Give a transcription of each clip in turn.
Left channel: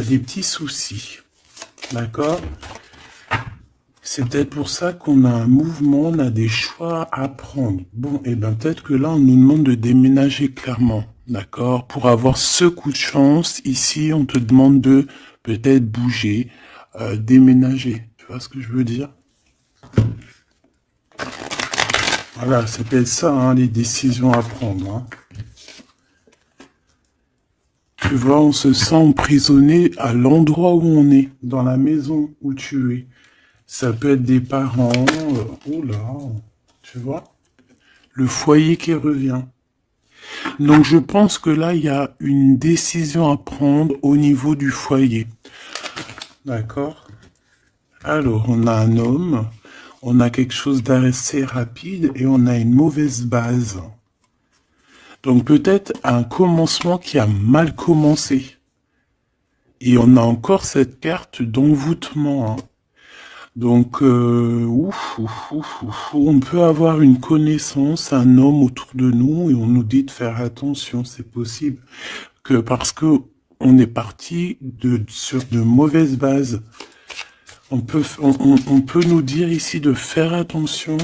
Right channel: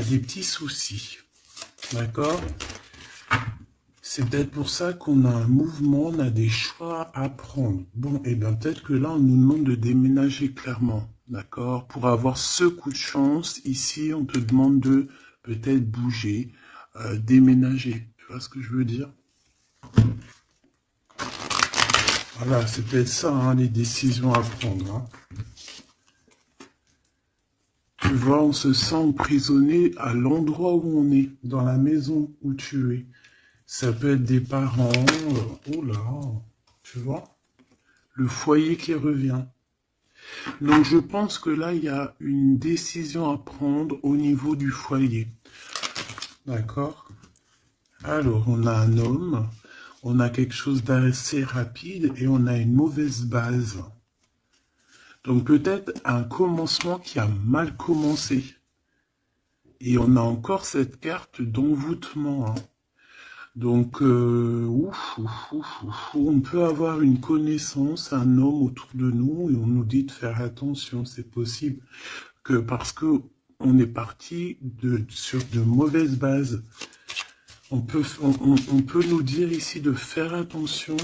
des petits soucis. D'accord? C'est peut-être pour ça qu'on a un mouvement, on a des choix à prendre. Bon, et bien peut-être que là, on nous demande de déménager clairement. D'accord? Pour avoir ce coup de chance, ici, on te demande de peut-être bouger, déménager. Tu vois ce que je veux dire? Voilà, c'est peut-être ça, hein, les décisions à prendre. Hein. Tu vois, on se sent emprisonné à l'endroit où on est, dans la maison où tu es. Ça peut être des parents, oh là, tu vois, le foyer qui revient. Donc je pense que là, il y a une décision à prendre au niveau du foyer. D'accord? Alors, on a un homme, on a quelque chose d'assez rapide et on a une mauvaise base. Donc peut-être un commencement qui a mal commencé. Et on a encore cette carte d'envoûtement. Hein. Donc, on peut avoir une connaissance, un homme autour de nous, et on nous dit de faire attention, c'est possible. Que parce que on est parti sur de mauvaises bases. On peut nous dire ici de faire attention.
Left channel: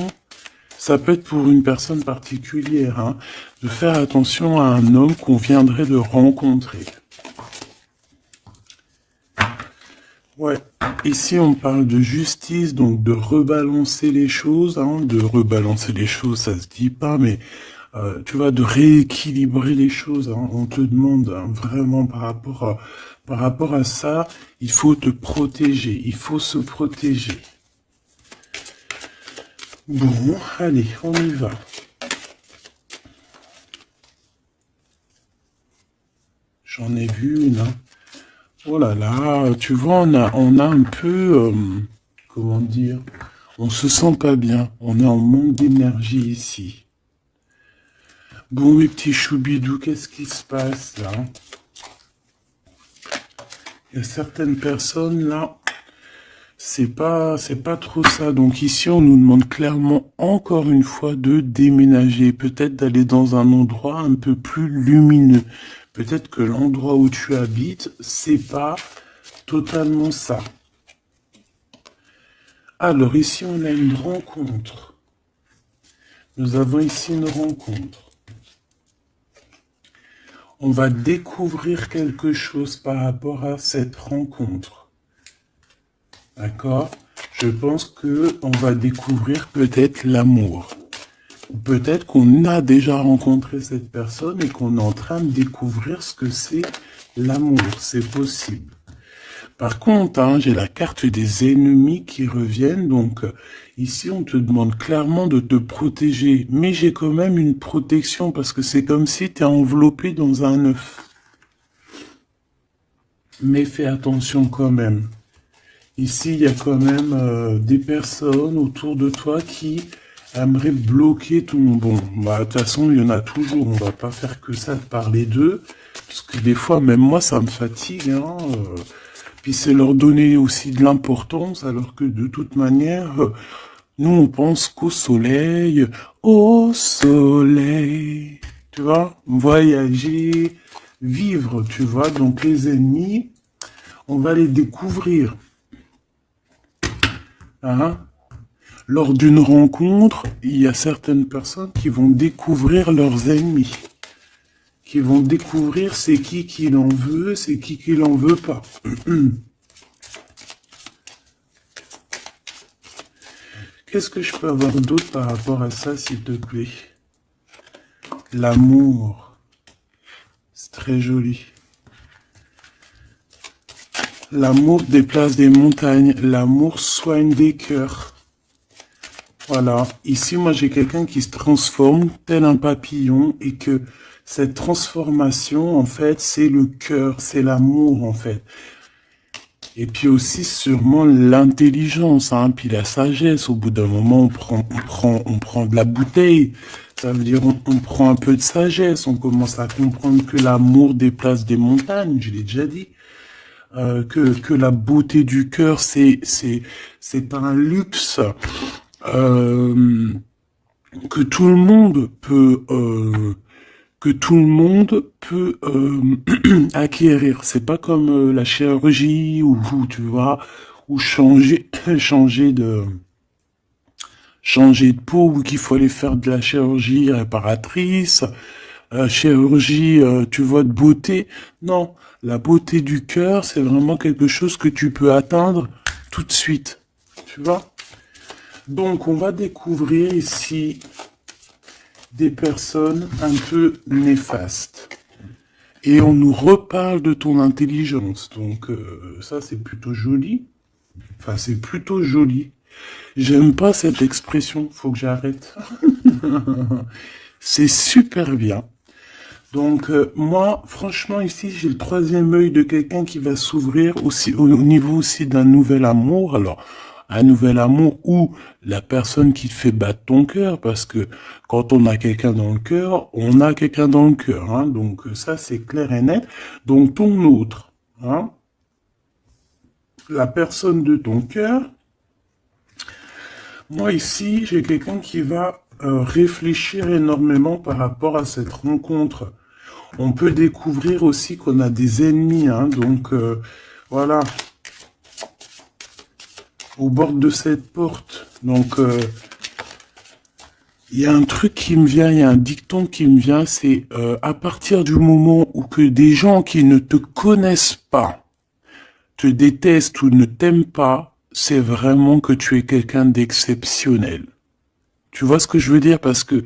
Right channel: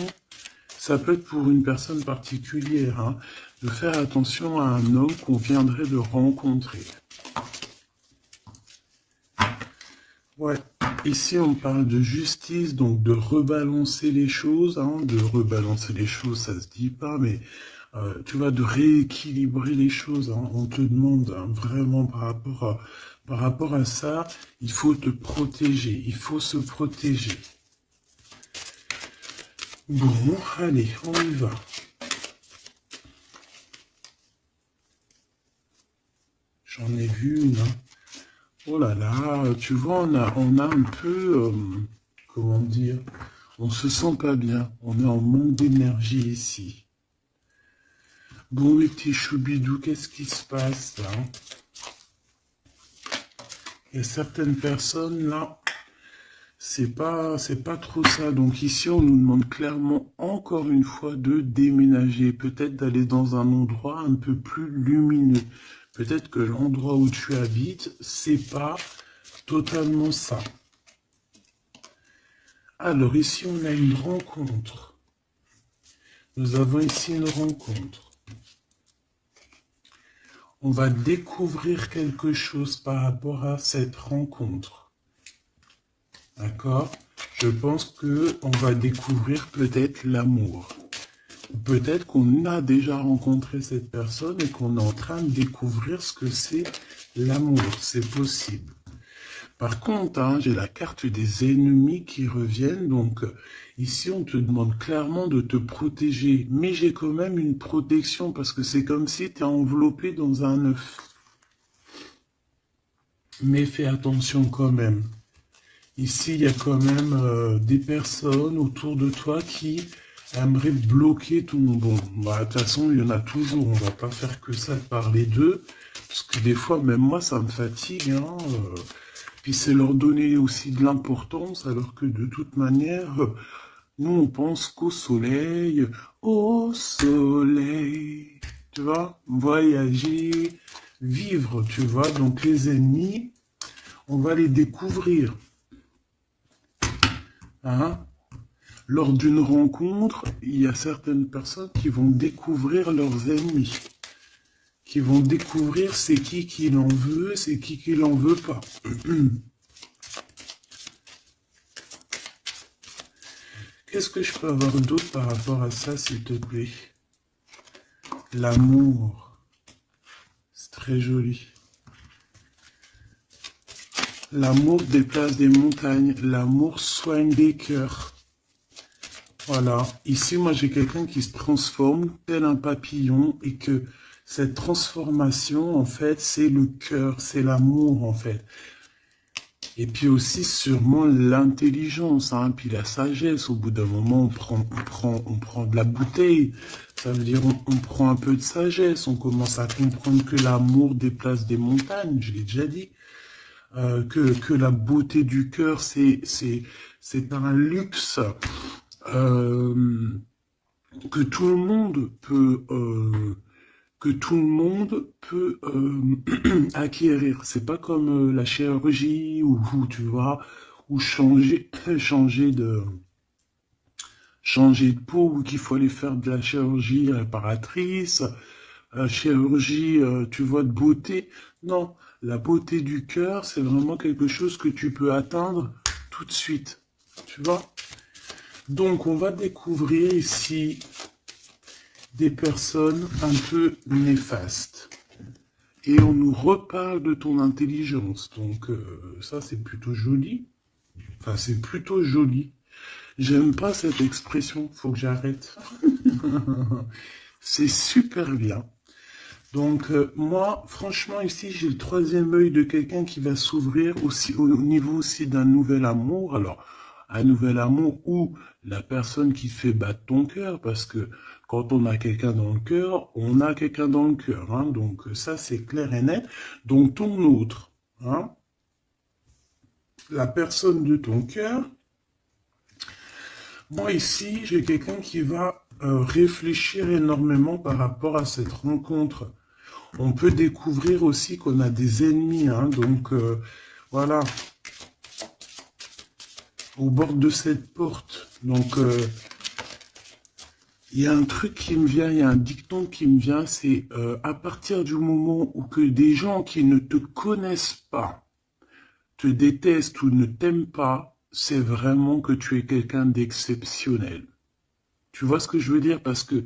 Ça peut être pour une personne particulière, hein, de faire attention à un homme qu'on viendrait de rencontrer. Ouais. Ici, on parle de justice, donc de rebalancer les choses, hein, de rebalancer les choses, ça se dit pas, mais tu vois, de rééquilibrer les choses. Hein. On te demande hein, vraiment par rapport à ça, il faut te protéger, il faut se protéger. Bon, allez, on y va. J'en ai vu une. Hein. Oh là là, tu vois, on a un peu, comment dire, on se sent pas bien. On est en manque d'énergie ici. Bon, mes petits choubidous, qu'est-ce qui se passe là? Il y a certaines personnes là, c'est pas trop ça. Donc ici, on nous demande clairement encore une fois de déménager, peut-être d'aller dans un endroit un peu plus lumineux. Peut-être que l'endroit où tu habites, c'est pas totalement ça. Alors ici, on a une rencontre. Nous avons ici une rencontre. On va découvrir quelque chose par rapport à cette rencontre. D'accord? Je pense que on va découvrir peut-être l'amour. Peut-être qu'on a déjà rencontré cette personne et qu'on est en train de découvrir ce que c'est l'amour. C'est possible. Par contre, hein, j'ai la carte des ennemis qui reviennent. Donc, ici, on te demande clairement de te protéger. Mais j'ai quand même une protection parce que c'est comme si tu es enveloppé dans un œuf. Mais fais attention quand même. Ici, il y a quand même des personnes autour de toi qui aimeraient bloquer ton... Bon, bah, de toute façon, il y en a toujours. On va pas faire que ça de parler d'eux. Parce que des fois, même moi, ça me fatigue. Hein, Puis c'est leur donner aussi de l'importance, alors que de toute manière, nous, on pense qu'au soleil. Au soleil. Tu vois, voyager, vivre, tu vois. Donc les ennemis, on va les découvrir. Hein? Lors d'une rencontre, il y a certaines personnes qui vont découvrir leurs ennemis, qui vont découvrir c'est qui l'en veut, c'est qui l'en veut pas. Qu'est-ce que je peux avoir d'autre par rapport à ça, s'il te plaît? L'amour, c'est très joli. L'amour déplace des montagnes, l'amour soigne des cœurs. Voilà, ici moi j'ai quelqu'un qui se transforme tel un papillon et que cette transformation en fait c'est le cœur, c'est l'amour en fait. Et puis aussi sûrement l'intelligence, hein, puis la sagesse. Au bout d'un moment on prend de la bouteille. Ça veut dire on prend un peu de sagesse, on commence à comprendre que l'amour déplace des montagnes, je l'ai déjà dit. Que la beauté du cœur c'est un luxe. Euh, que tout le monde que tout le monde peut acquérir. C'est pas comme la chirurgie ou tu vois, ou changer de peau ou qu'il faut aller faire de la chirurgie réparatrice, chirurgie, tu vois, de beauté. Non, la beauté du cœur, c'est vraiment quelque chose que tu peux atteindre tout de suite. Tu vois? Donc, on va découvrir ici des personnes un peu néfastes. Et on nous reparle de ton intelligence. Donc, ça, c'est plutôt joli. Enfin, c'est plutôt joli. J'aime pas cette expression. Faut que j'arrête. C'est super bien. Donc, moi, franchement, ici, j'ai le troisième œil de quelqu'un qui va s'ouvrir aussi au niveau aussi d'un nouvel amour. Alors, un nouvel amour ou la personne qui te fait battre ton cœur, parce que quand on a quelqu'un dans le cœur, on a quelqu'un dans le cœur. Hein. Donc, ça, c'est clair et net. Donc, ton autre, hein, la personne de ton cœur, moi, ici, j'ai quelqu'un qui va réfléchir énormément par rapport à cette rencontre. On peut découvrir aussi qu'on a des ennemis, hein, donc voilà, au bord de cette porte. Donc, il y a un truc qui me vient, il y a un dicton qui me vient, c'est à partir du moment où que des gens qui ne te connaissent pas te détestent ou ne t'aiment pas, c'est vraiment que tu es quelqu'un d'exceptionnel. Tu vois ce que je veux dire? Parce que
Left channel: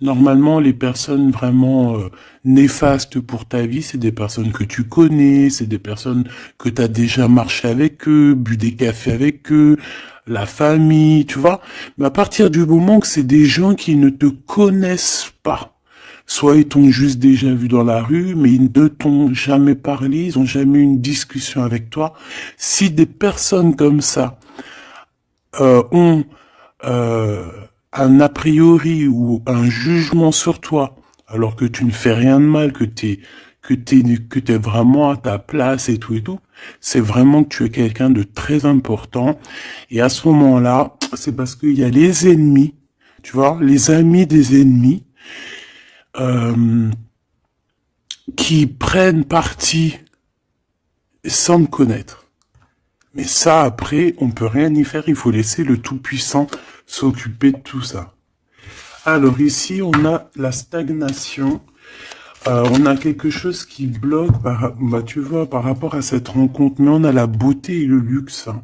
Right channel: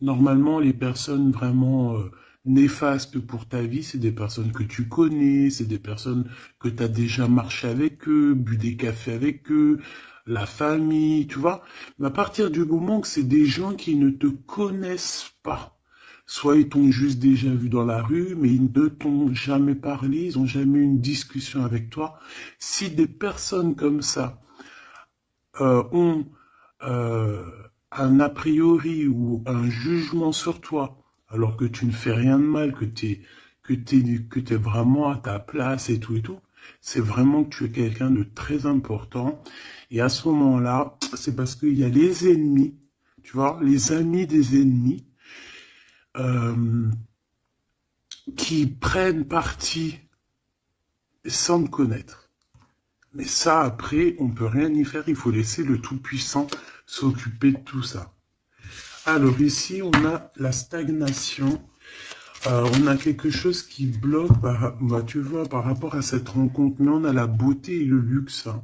normalement, les personnes vraiment néfastes pour ta vie, c'est des personnes que tu connais, c'est des personnes que tu as déjà marché avec eux, bu des cafés avec eux, la famille, tu vois. Mais à partir du moment que c'est des gens qui ne te connaissent pas, soit ils t'ont juste déjà vu dans la rue, mais ils ne t'ont jamais parlé, ils n'ont jamais eu une discussion avec toi. Si des personnes comme ça ont euh, un a priori ou un jugement sur toi, alors que tu ne fais rien de mal, que t'es vraiment à ta place et tout, c'est vraiment que tu es quelqu'un de très important. Et à ce moment-là, c'est parce qu'il y a les ennemis, tu vois, les amis des ennemis, euh, qui prennent parti sans me connaître. Mais ça, après, on peut rien y faire. Il faut laisser le Tout-Puissant s'occuper de tout ça. Alors ici, on a la stagnation. On a quelque chose qui bloque, bah, tu vois, par rapport à cette rencontre. Mais on a la beauté et le luxe. Hein.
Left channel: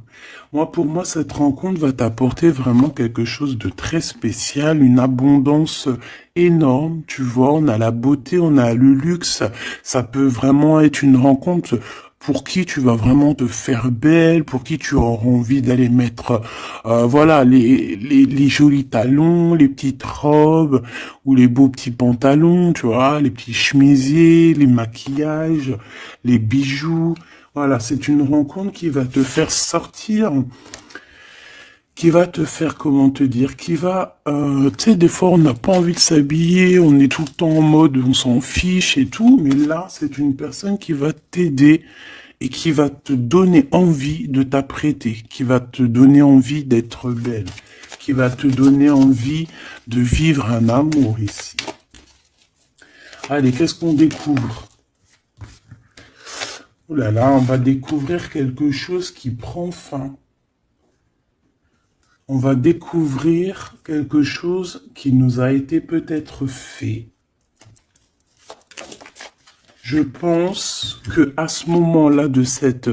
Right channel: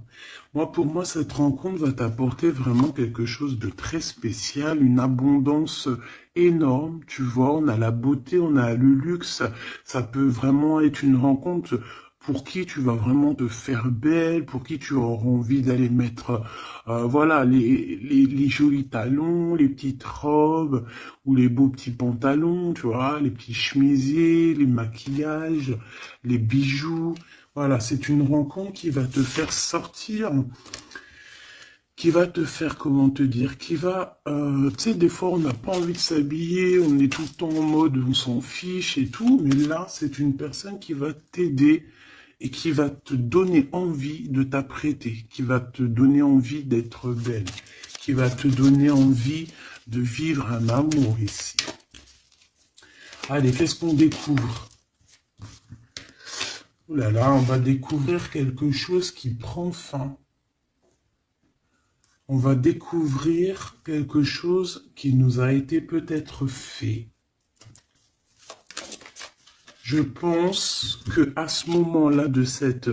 Moi, pour moi, cette rencontre va t'apporter vraiment quelque chose de très spécial, une abondance énorme. Tu vois, on a la beauté, on a le luxe. Ça peut vraiment être une rencontre pour qui tu vas vraiment te faire belle, pour qui tu auras envie d'aller mettre, voilà, les jolis talons, les petites robes ou les beaux petits pantalons, tu vois, les petits chemisiers, les maquillages, les bijoux. Voilà, c'est une rencontre qui va te faire sortir, qui va te faire, comment te dire, qui va, tu sais, des fois on n'a pas envie de s'habiller, on est tout le temps en mode, on s'en fiche et tout, mais là, c'est une personne qui va t'aider et qui va te donner envie de t'apprêter, qui va te donner envie d'être belle, qui va te donner envie de vivre un amour ici. Allez, qu'est-ce qu'on découvre? Oh là là, on va découvrir quelque chose qui prend fin. On va découvrir quelque chose qui nous a été peut-être fait. Je pense que à ce moment-là de cette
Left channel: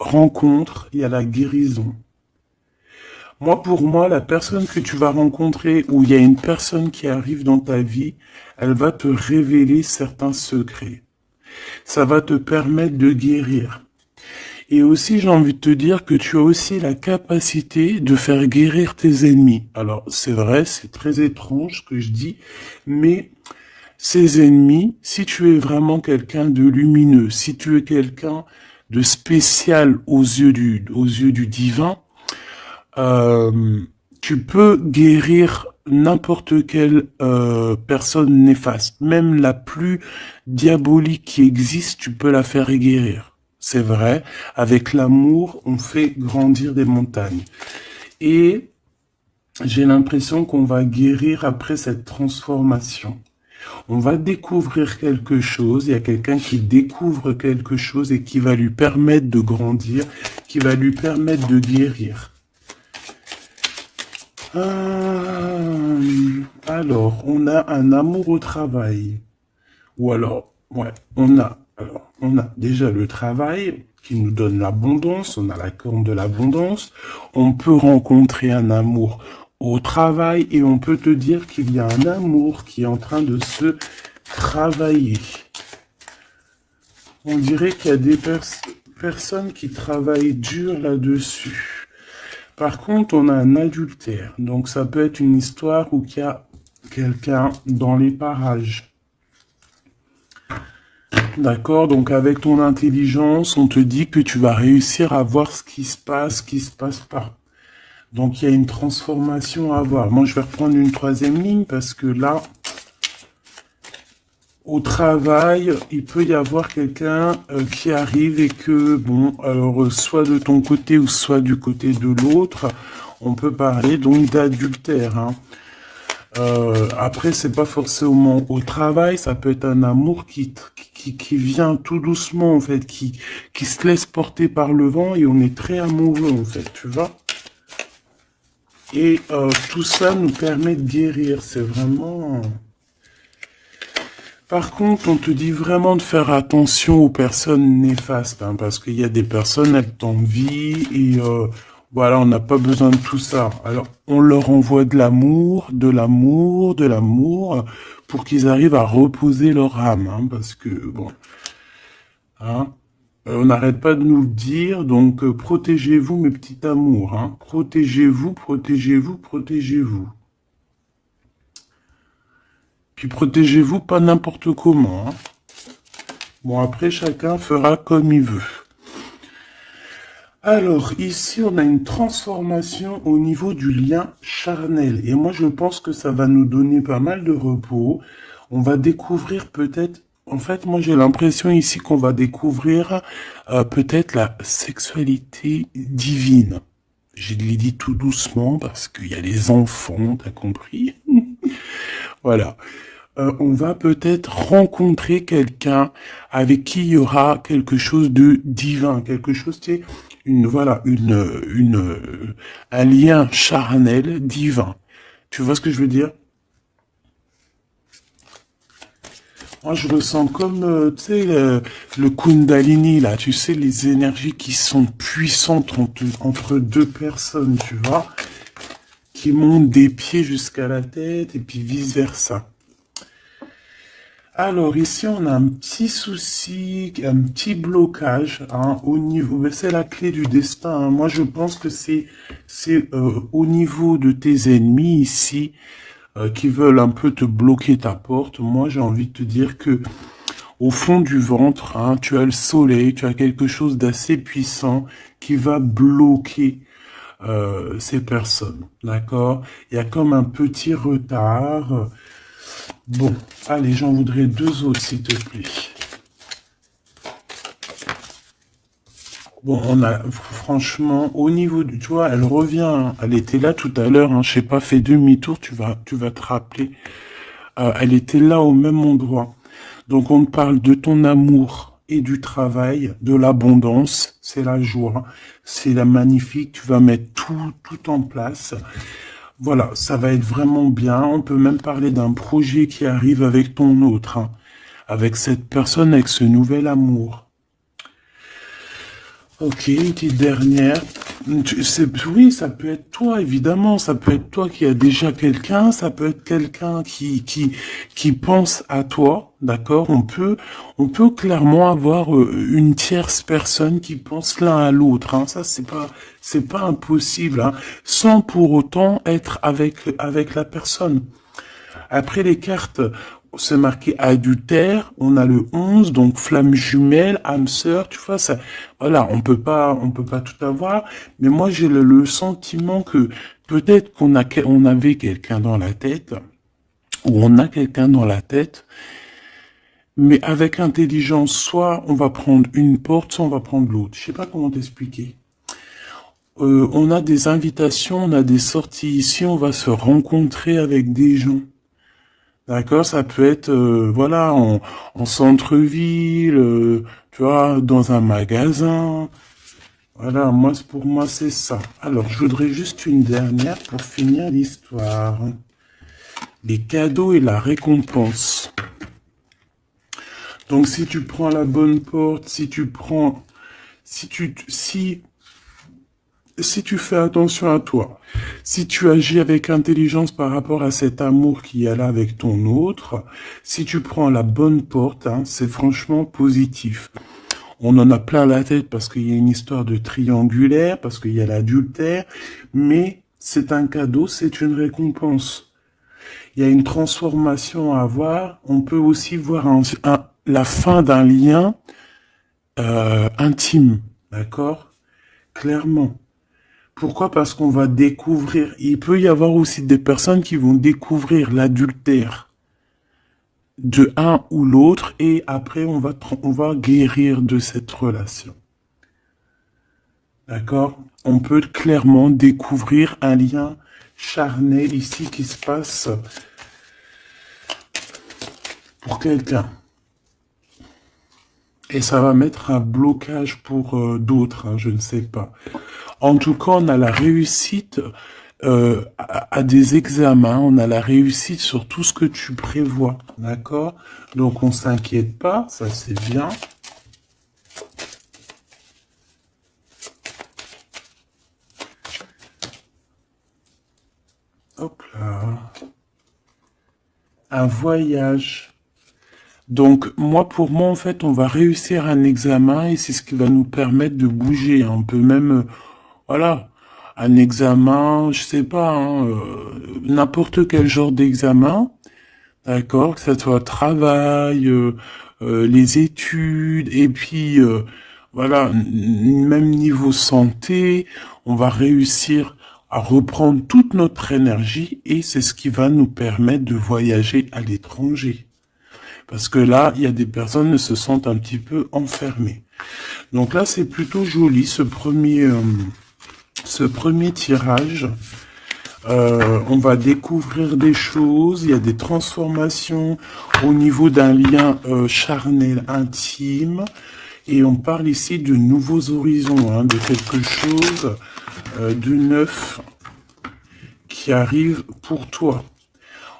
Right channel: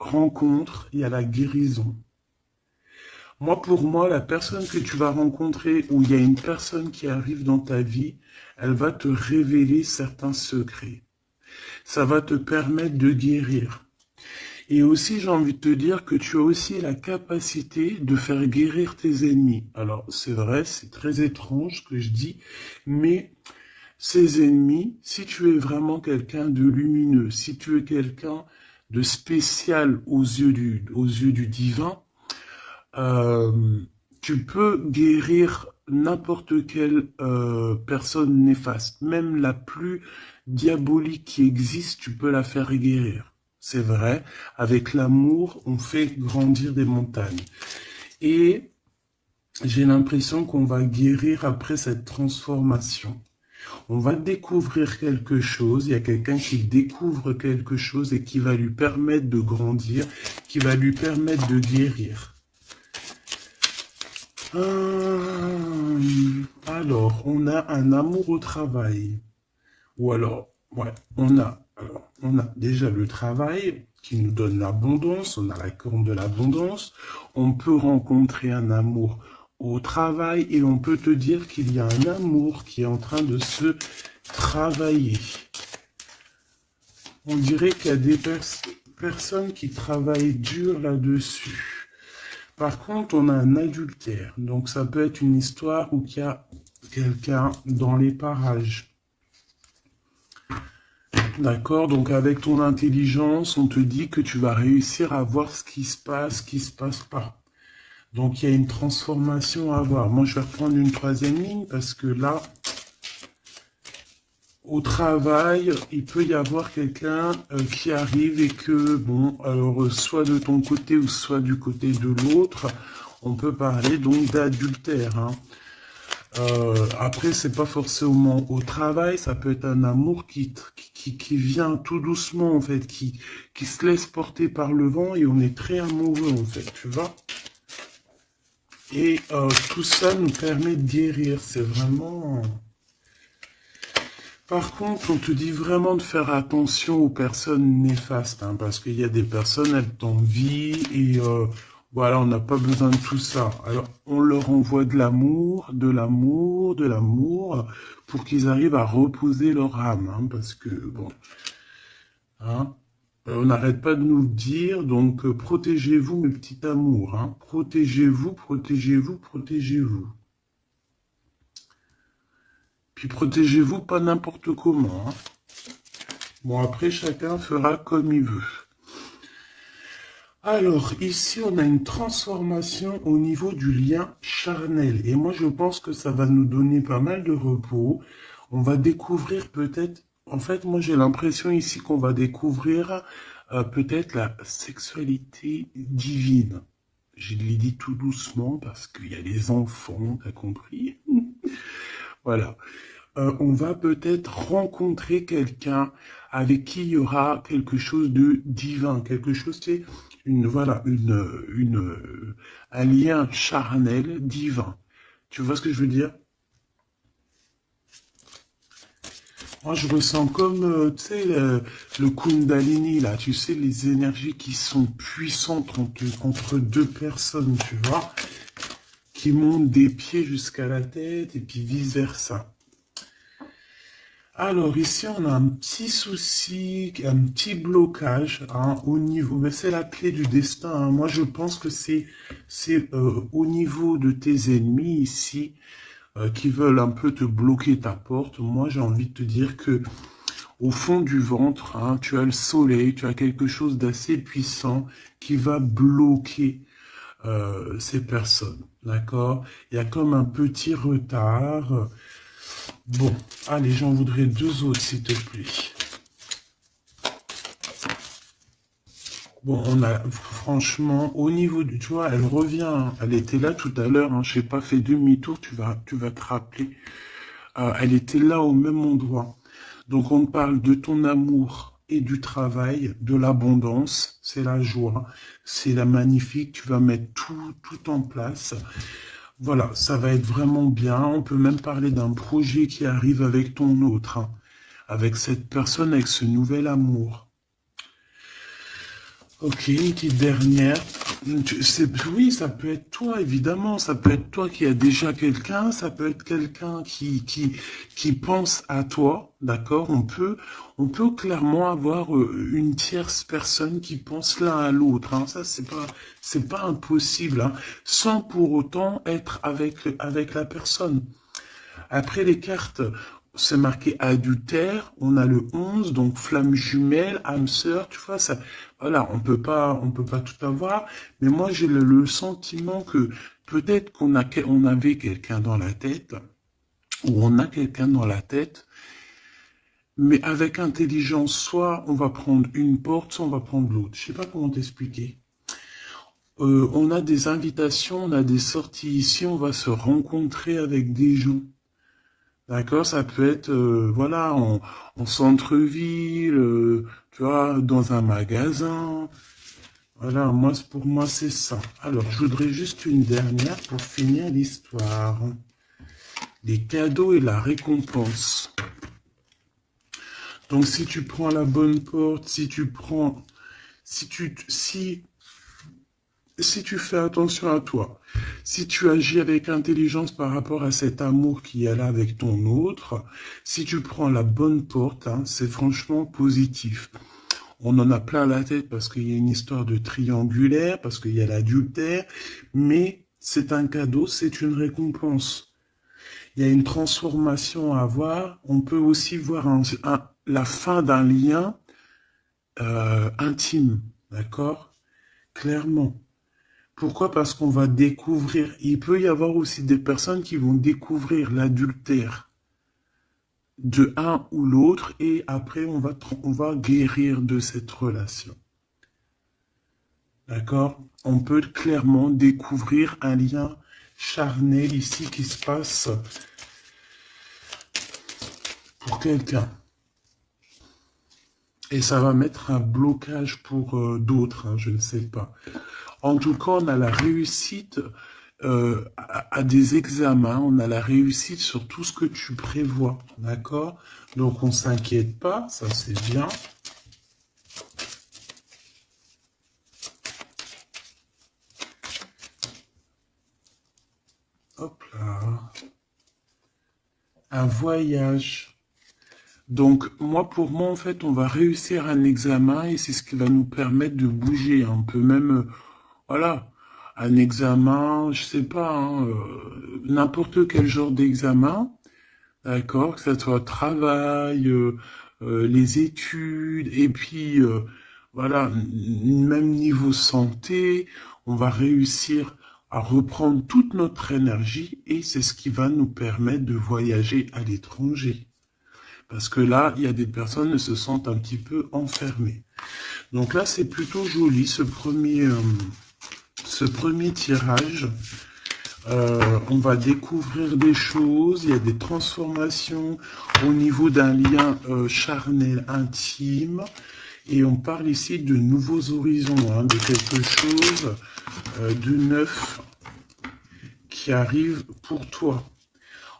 rencontre, il y a la guérison. Moi, pour moi, la personne que tu vas rencontrer, ou il y a une personne qui arrive dans ta vie, elle va te révéler certains secrets. Ça va te permettre de guérir. Et aussi, j'ai envie de te dire que tu as aussi la capacité de faire guérir tes ennemis. Alors, c'est vrai, c'est très étrange ce que je dis, mais ces ennemis, si tu es vraiment quelqu'un de lumineux, si tu es quelqu'un de spécial aux yeux du divin, euh, tu peux guérir n'importe quelle personne néfaste. Même la plus diabolique qui existe, tu peux la faire guérir. C'est vrai, avec l'amour, on fait grandir des montagnes. Et j'ai l'impression qu'on va guérir après cette transformation. On va découvrir quelque chose, il y a quelqu'un qui découvre quelque chose et qui va lui permettre de grandir, qui va lui permettre de guérir. Alors, on a un amour au travail. Ou alors, ouais, on a déjà le travail qui nous donne l'abondance, on a la corne de l'abondance, on peut rencontrer un amour au travail et on peut te dire qu'il y a un amour qui est en train de se travailler. On dirait qu'il y a des personnes qui travaillent dur là-dessus. Par contre, on a un adultère, donc ça peut être une histoire où il y a quelqu'un dans les parages. D'accord, donc avec ton intelligence, on te dit que tu vas réussir à voir ce qui se passe pas. Donc il y a une transformation à avoir. Moi, je vais reprendre une troisième ligne parce que là, au travail, il peut y avoir quelqu'un qui arrive et que, bon, alors soit de ton côté ou soit du côté de l'autre, on peut parler donc d'adultère, hein. Après, c'est pas forcément au travail, ça peut être un amour qui vient tout doucement, en fait, qui se laisse porter par le vent et on est très amoureux, en fait, tu vois. Et tout ça nous permet de guérir, c'est vraiment... Par contre, on te dit vraiment de faire attention aux personnes néfastes, hein, parce qu'il y a des personnes, elles t'envient et voilà, on n'a pas besoin de tout ça. Alors, on leur envoie de l'amour, de l'amour, de l'amour, pour qu'ils arrivent à reposer leur âme, hein, parce que, bon, hein, on n'arrête pas de nous le dire, donc protégez-vous, mes petits amours, hein, protégez-vous, protégez-vous, protégez-vous. Puis protégez-vous pas n'importe comment, hein. Bon, après, chacun fera comme il veut. Alors, ici, on a une transformation au niveau du lien charnel. Et moi, je pense que ça va nous donner pas mal de repos. On va découvrir peut-être... En fait, moi, j'ai l'impression ici qu'on va découvrir peut-être la sexualité divine. Je l'ai dit tout doucement parce qu'il y a les enfants, t'as compris? Voilà. On va peut-être rencontrer quelqu'un avec qui il y aura quelque chose de divin, quelque chose, c'est un lien charnel divin. Tu vois ce que je veux dire? Moi, je ressens comme, tu sais, le Kundalini, là, tu sais, les énergies qui sont puissantes entre deux personnes, tu vois, qui montent des pieds jusqu'à la tête et puis vice-versa. Alors ici, on a un petit souci, un petit blocage hein, au niveau, mais c'est la clé du destin, hein. Moi, je pense que c'est au niveau de tes ennemis ici qui veulent un peu te bloquer ta porte. Moi, j'ai envie de te dire que au fond du ventre, hein, tu as le soleil, tu as quelque chose d'assez puissant qui va bloquer ces personnes, d'accord? Il y a comme un petit retard. Bon, allez, j'en voudrais deux autres, s'il te plaît. Bon, on a, franchement, au niveau du, tu vois, elle revient, hein. Elle était là tout à l'heure, hein, je sais pas, fais demi-tour, tu vas te rappeler. Elle était là au même endroit. Donc, on parle de ton amour et du travail, de l'abondance, c'est la joie, c'est la magnifique, tu vas mettre tout en place. Voilà, ça va être vraiment bien. On peut même parler d'un projet qui arrive avec ton autre, hein, avec cette personne, avec ce nouvel amour. Ok, une petite dernière. Oui, ça peut être toi, évidemment. Ça peut être toi qui as déjà quelqu'un. Ça peut être quelqu'un qui pense à toi. D'accord? On peut clairement avoir une tierce personne qui pense l'un à l'autre, hein. Ça, c'est pas impossible, hein, sans pour autant être avec la personne. Après les cartes, c'est marqué adultère, on a le 11, donc flamme jumelle, âme sœur, tu vois, ça, voilà, on peut pas tout avoir, mais moi j'ai le sentiment que peut-être on avait quelqu'un dans la tête, ou on a quelqu'un dans la tête, mais avec intelligence, soit on va prendre une porte, soit on va prendre l'autre. Je sais pas comment t'expliquer. On a des invitations, on a des sorties ici, on va se rencontrer avec des gens. D'accord? Ça peut être, voilà, en centre-ville, tu vois, dans un magasin. Voilà, moi, pour moi, c'est ça. Alors, je voudrais juste une dernière pour finir l'histoire. Les cadeaux et la récompense. Donc, si tu prends la bonne porte, si tu fais attention à toi, si tu agis avec intelligence par rapport à cet amour qui est là avec ton autre, si tu prends la bonne porte, hein, c'est franchement positif. On en a plein la tête parce qu'il y a une histoire de triangulaire, parce qu'il y a l'adultère, mais c'est un cadeau, c'est une récompense. Il y a une transformation à voir. On peut aussi voir la fin d'un lien intime, d'accord? Clairement. Pourquoi? Parce qu'on va découvrir. Il peut y avoir aussi des personnes qui vont découvrir l'adultère de un ou l'autre et après on va guérir de cette relation. D'accord? On peut clairement découvrir un lien charnel ici qui se passe pour quelqu'un. Et ça va mettre un blocage pour d'autres, hein, je ne sais pas. En tout cas, on a la réussite à des examens, on a la réussite sur tout ce que tu prévois, d'accord? Donc on s'inquiète pas, ça c'est bien. Hop là. Un voyage. Donc moi, pour moi, en fait, on va réussir un examen et c'est ce qui va nous permettre de bouger. On peut même, voilà, un examen, je sais pas, hein, n'importe quel genre d'examen. D'accord, que ce soit travail, les études, et puis voilà, même niveau santé, on va réussir à reprendre toute notre énergie et c'est ce qui va nous permettre de voyager à l'étranger. Parce que là, il y a des personnes qui se sentent un petit peu enfermées. Donc là, c'est plutôt joli ce premier tirage. On va découvrir des choses, il y a des transformations au niveau d'un lien charnel intime. Et on parle ici de nouveaux horizons, hein, de quelque chose de neuf qui arrive pour toi.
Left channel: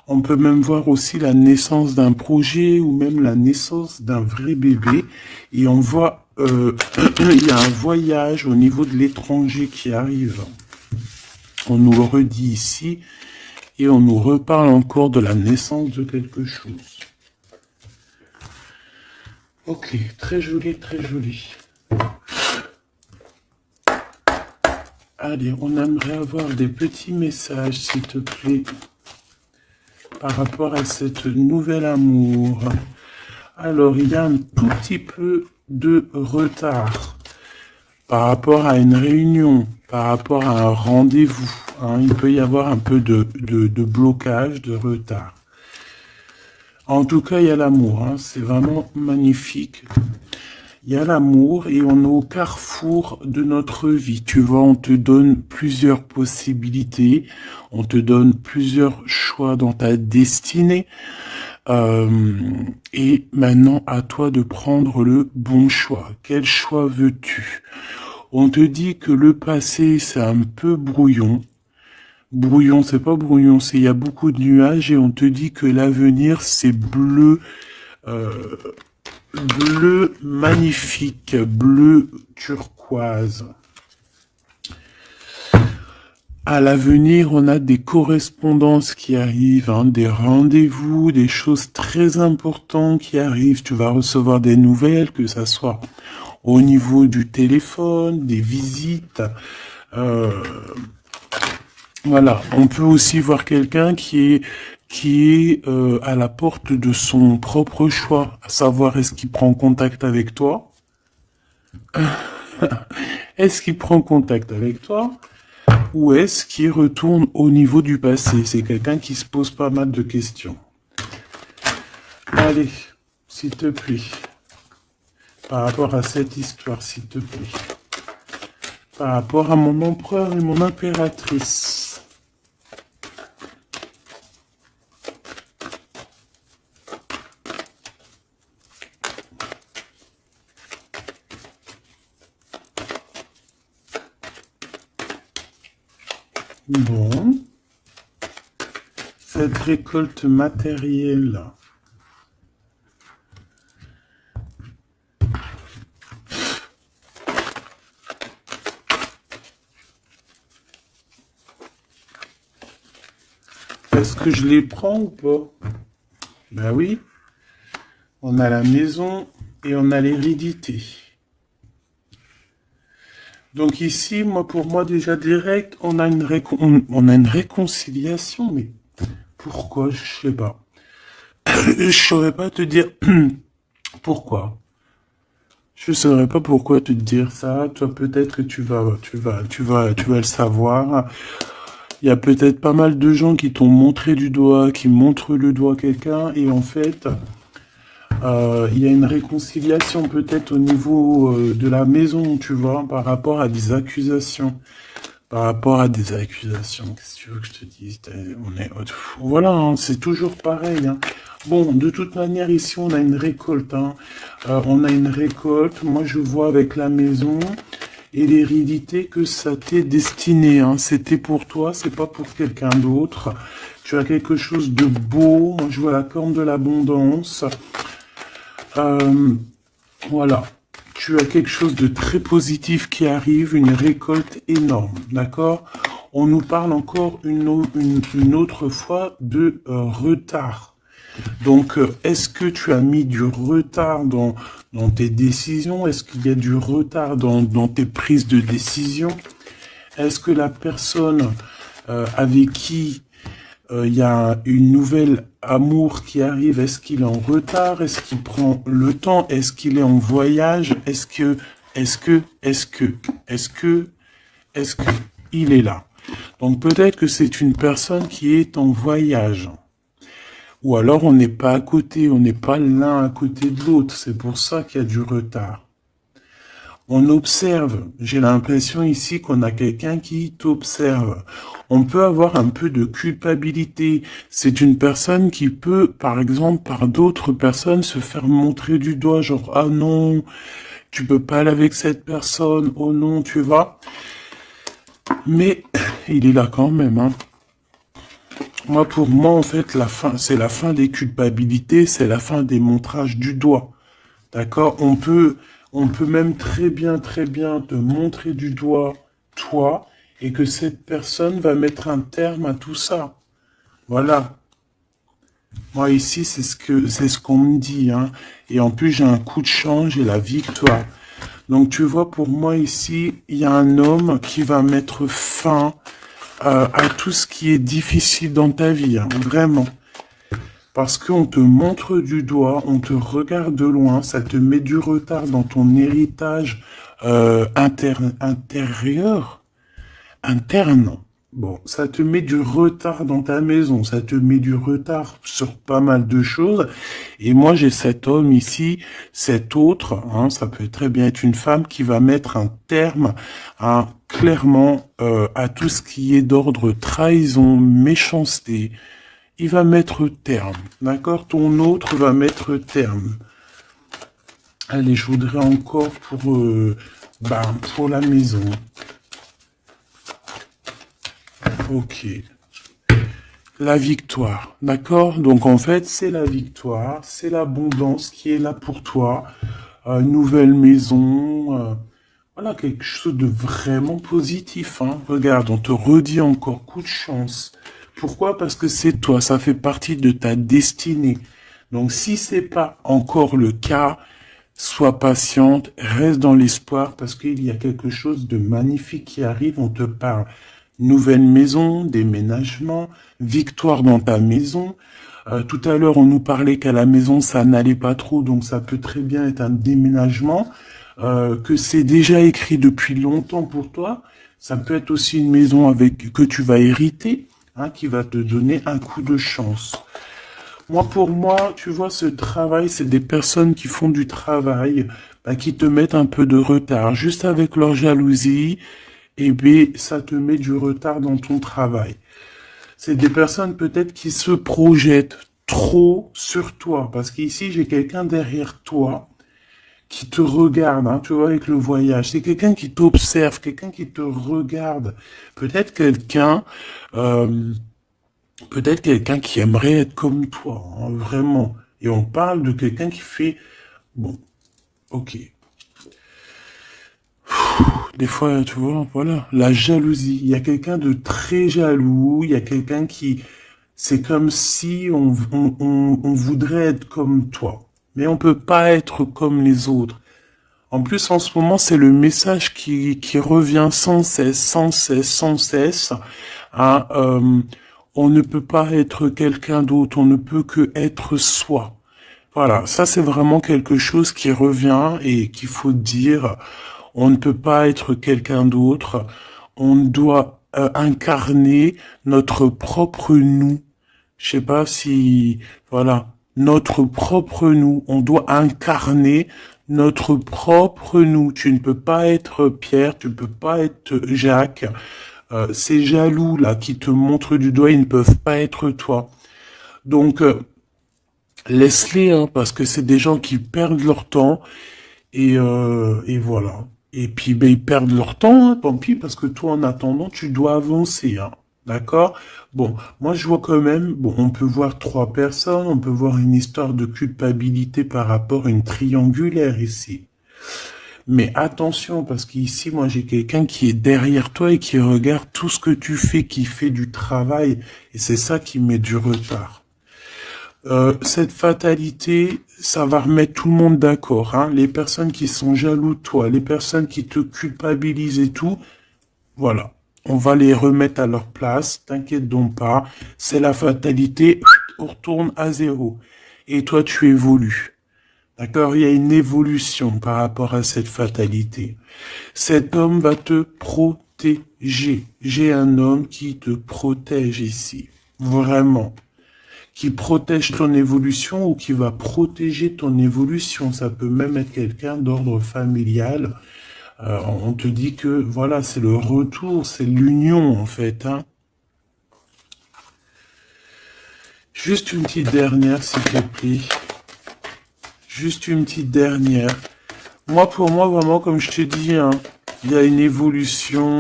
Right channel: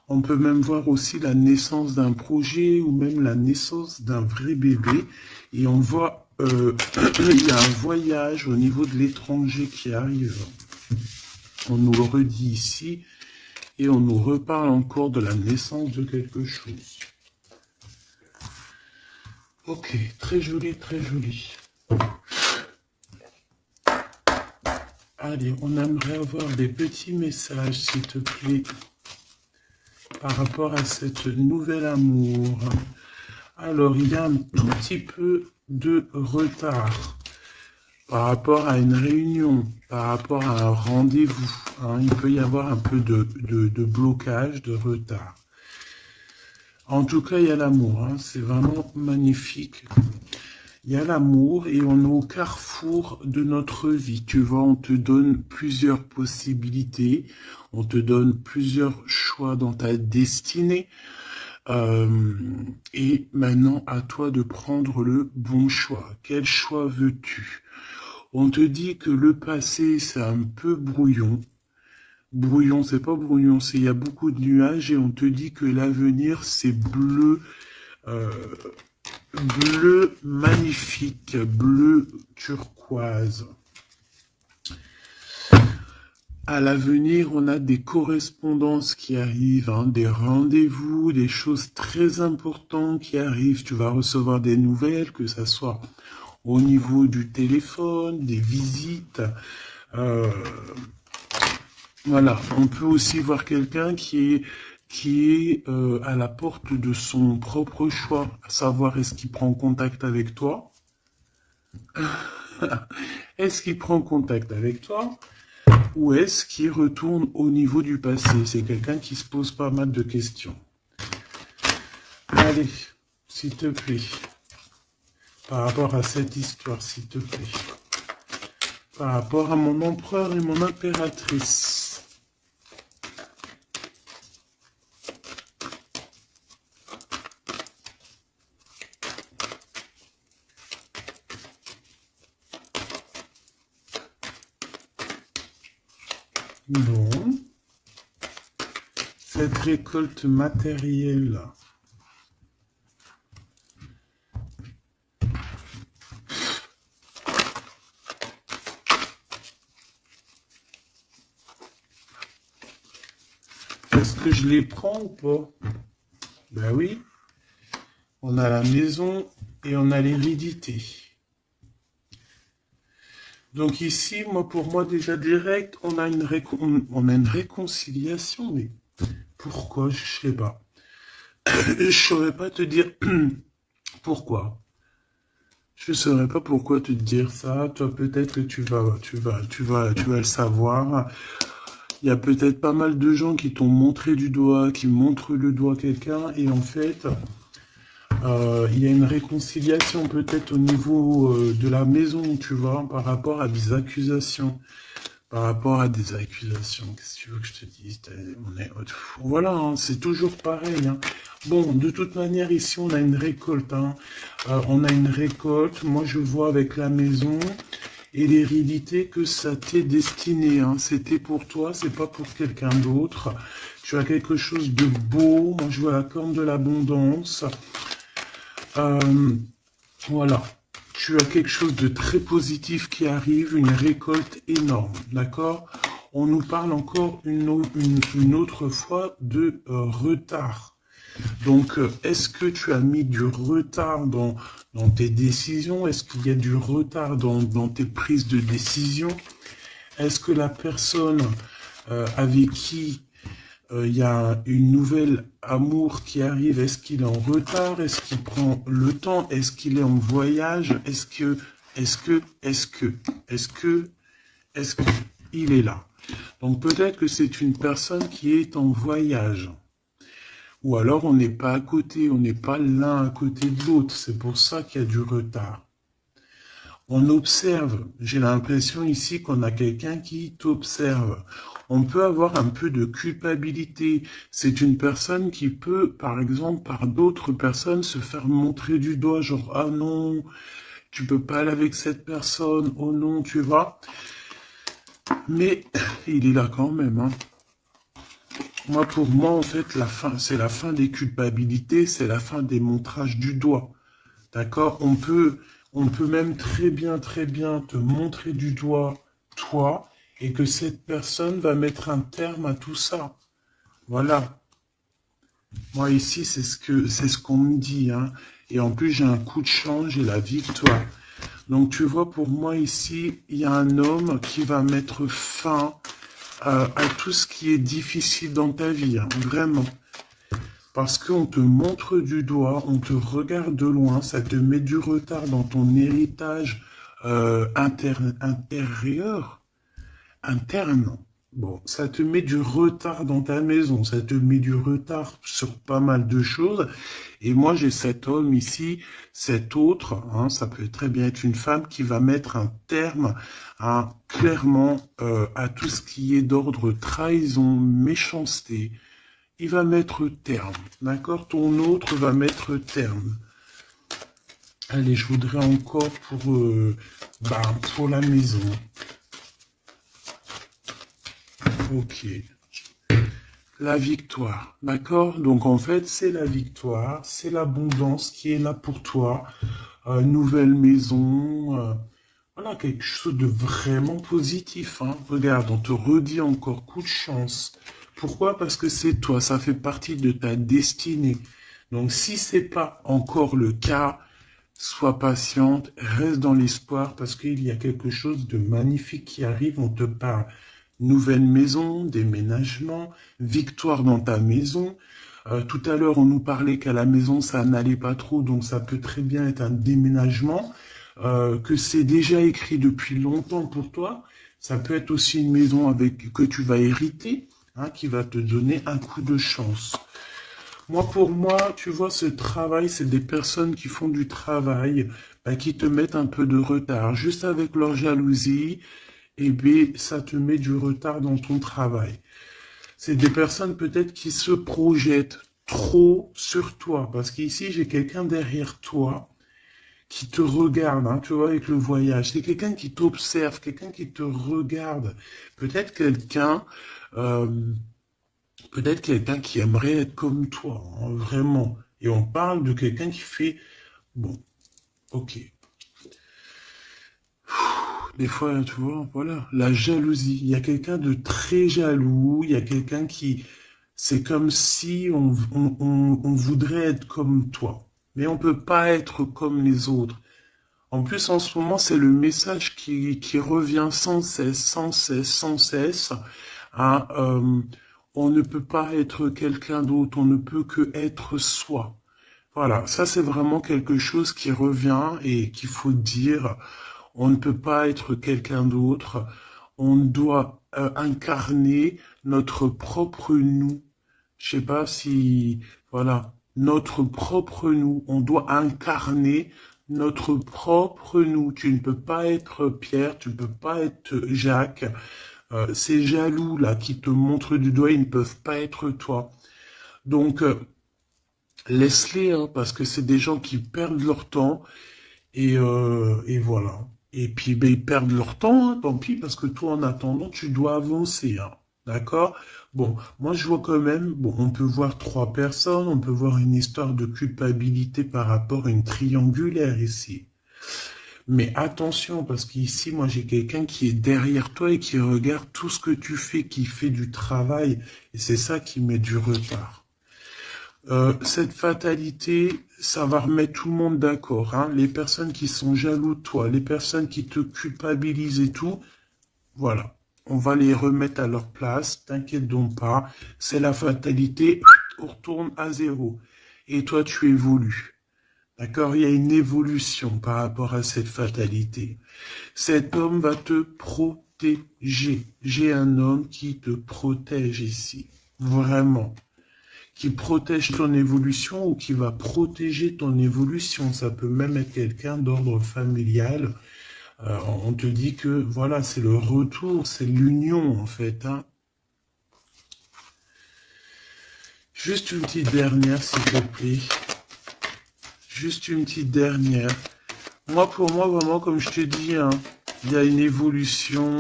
On peut même voir aussi la naissance d'un projet ou même la naissance d'un vrai bébé. Et on voit, il y a un voyage au niveau de l'étranger qui arrive. On nous le redit ici. Et on nous reparle encore de la naissance de quelque chose. Ok, très joli, très joli. Allez, on aimerait avoir des petits messages, s'il te plaît, par rapport à cette nouvel amour. Alors, il y a un tout petit peu de retard par rapport à une réunion, par rapport à un rendez-vous. Hein, il peut y avoir un peu de blocage, de retard. En tout cas, il y a l'amour, hein, c'est vraiment magnifique. Il y a l'amour et on est au carrefour de notre vie. Tu vois, on te donne plusieurs possibilités, on te donne plusieurs choix dans ta destinée. Et maintenant, à toi de prendre le bon choix. Quel choix veux-tu? On te dit que le passé, c'est un peu brouillon. Brouillon, c'est pas brouillon, c'est il y a beaucoup de nuages et on te dit que l'avenir, c'est bleu. Bleu magnifique, bleu turquoise. À l'avenir, on a des correspondances qui arrivent, hein, des rendez-vous, des choses très importantes qui arrivent. Tu vas recevoir des nouvelles, que ça soit au niveau du téléphone, des visites. Voilà, on peut aussi voir quelqu'un qui est à la porte de son propre choix, à savoir est-ce qu'il prend contact avec toi. Est-ce qu'il prend contact avec toi ou est-ce qu'il retourne au niveau du passé? C'est quelqu'un qui se pose pas mal de questions. Allez, s'il te plaît, par rapport à cette histoire, s'il te plaît, par rapport à mon empereur et mon impératrice. Bon. Cette récolte matérielle. Est-ce que je les prends ou pas? Ben oui. On a la maison et on a l'hérédité. Donc ici, pour moi déjà direct, on a une réconciliation, mais pourquoi? Je sais pas. Je saurais pas te dire pourquoi. Je saurais pas pourquoi te dire ça. Toi, peut-être que tu vas le savoir. Il y a peut-être pas mal de gens qui t'ont montré du doigt, qui montrent le doigt à quelqu'un, et en fait, il y a une réconciliation peut-être au niveau de la maison, tu vois, par rapport à des accusations. Par rapport à des accusations, qu'est-ce que tu veux que je te dise? Voilà, hein, c'est toujours pareil. Hein. Bon, de toute manière, ici, on a une récolte. Hein. On a une récolte. Moi, je vois avec la maison et l'hérédité que ça t'est destiné. Hein. C'était pour toi, c'est pas pour quelqu'un d'autre. Tu as quelque chose de beau. Moi, je vois la corne de l'abondance. Voilà. Tu as quelque chose de très positif qui arrive, une récolte énorme, d'accord? On nous parle encore une autre fois de retard. Donc, est-ce que tu as mis du retard dans tes décisions? Est-ce qu'il y a du retard dans tes prises de décision? Est-ce que la personne avec qui il y a une nouvelle amour qui arrive? Est-ce qu'il est en retard? Est-ce qu'il prend le temps? Est-ce qu'il est en voyage? Est-ce que il est là? Donc peut-être que c'est une personne qui est en voyage. Ou alors on n'est pas à côté, on n'est pas l'un à côté de l'autre. C'est pour ça qu'il y a du retard. On observe. J'ai l'impression ici qu'on a quelqu'un qui t'observe. On peut avoir un peu de culpabilité. C'est une personne qui peut, par exemple, par d'autres personnes, se faire montrer du doigt, genre, ah non, tu peux pas aller avec cette personne, oh non, tu vois. Mais il est là quand même, hein. Moi, pour moi, en fait, la fin, c'est la fin des culpabilités, c'est la fin des montrages du doigt. D'accord? On peut même très bien te montrer du doigt, toi, et que cette personne va mettre un terme à tout ça. Voilà. Moi, ici, c'est ce qu'on me dit, hein. Et en plus, j'ai un coup de chance, j'ai la victoire. Donc, tu vois, pour moi, ici, il y a un homme qui va mettre fin à tout ce qui est difficile dans ta vie, hein, vraiment. Parce qu'on te montre du doigt, on te regarde de loin, ça te met du retard dans ton héritage interne. Bon, ça te met du retard dans ta maison, ça te met du retard sur pas mal de choses. Et moi, j'ai cet homme ici, cet autre, hein, ça peut très bien être une femme qui va mettre un terme clairement à tout ce qui est d'ordre trahison, méchanceté. Il va mettre terme, d'accord? Ton autre va mettre terme. Allez, je voudrais encore pour la maison. Ok. La victoire, d'accord? Donc en fait, c'est la victoire, c'est l'abondance qui est là pour toi. Nouvelle maison, voilà, quelque chose de vraiment positif. Hein. Regarde, on te redit encore coup de chance. Pourquoi? Parce que c'est toi, ça fait partie de ta destinée. Donc si c'est pas encore le cas, sois patiente, reste dans l'espoir parce qu'il y a quelque chose de magnifique qui arrive, on te parle. Nouvelle maison, déménagement, victoire dans ta maison. Tout à l'heure, on nous parlait qu'à la maison, ça n'allait pas trop, donc ça peut très bien être un déménagement, que c'est déjà écrit depuis longtemps pour toi. Ça peut être aussi une maison avec que tu vas hériter, hein, qui va te donner un coup de chance. Moi, pour moi, tu vois, ce travail, c'est des personnes qui font du travail, bah, qui te mettent un peu de retard. Juste avec leur jalousie, et bien, ça te met du retard dans ton travail. C'est des personnes peut-être qui se projettent trop sur toi. Parce qu'ici, j'ai quelqu'un derrière toi qui te regarde, hein, tu vois, avec le voyage. C'est quelqu'un qui t'observe, quelqu'un qui te regarde. Peut-être quelqu'un, euh, peut-être quelqu'un qui aimerait être comme toi, hein, vraiment. Et on parle de quelqu'un qui fait, bon, ok. Des fois, tu vois, voilà, la jalousie. Il y a quelqu'un de très jaloux, il y a quelqu'un qui, c'est comme si on voudrait être comme toi. Mais on peut pas être comme les autres. En plus, en ce moment, c'est le message qui revient sans cesse, sans cesse, sans cesse. Hein, on ne peut pas être quelqu'un d'autre, on ne peut que être soi. Voilà, ça c'est vraiment quelque chose qui revient et qu'il faut dire. On ne peut pas être quelqu'un d'autre. On doit incarner notre propre nous. Je sais pas si, voilà, notre propre nous. On doit incarner notre propre nous. Tu ne peux pas être Pierre, tu ne peux pas être Jacques. Ces jaloux là qui te montrent du doigt, ils ne peuvent pas être toi. Donc laisse-les, hein, parce que c'est des gens qui perdent leur temps et voilà. Et puis ben, ils perdent leur temps, hein, tant pis, parce que toi en attendant tu dois avancer, hein. D'accord? Bon, moi je vois quand même, bon, on peut voir trois personnes, on peut voir une histoire de culpabilité par rapport à une triangulaire ici. Mais attention, parce qu'ici, moi, j'ai quelqu'un qui est derrière toi et qui regarde tout ce que tu fais, qui fait du travail. Et c'est ça qui met du retard. Cette fatalité, ça va remettre tout le monde d'accord, hein. Les personnes qui sont jaloux de toi, les personnes qui te culpabilisent et tout, voilà. On va les remettre à leur place, t'inquiète donc pas. C'est la fatalité, on retourne à zéro. Et toi, tu évolues. D'accord? Il y a une évolution par rapport à cette fatalité. Cet homme va te protéger. J'ai un homme qui te protège ici. Vraiment. Qui protège ton évolution ou qui va protéger ton évolution. Ça peut même être quelqu'un d'ordre familial. On te dit que, voilà, c'est le retour, c'est l'union, en fait, hein. Juste une petite dernière, s'il te plaît. Juste une petite dernière. Moi, pour moi, vraiment, comme je te dis, hein, il y a une évolution,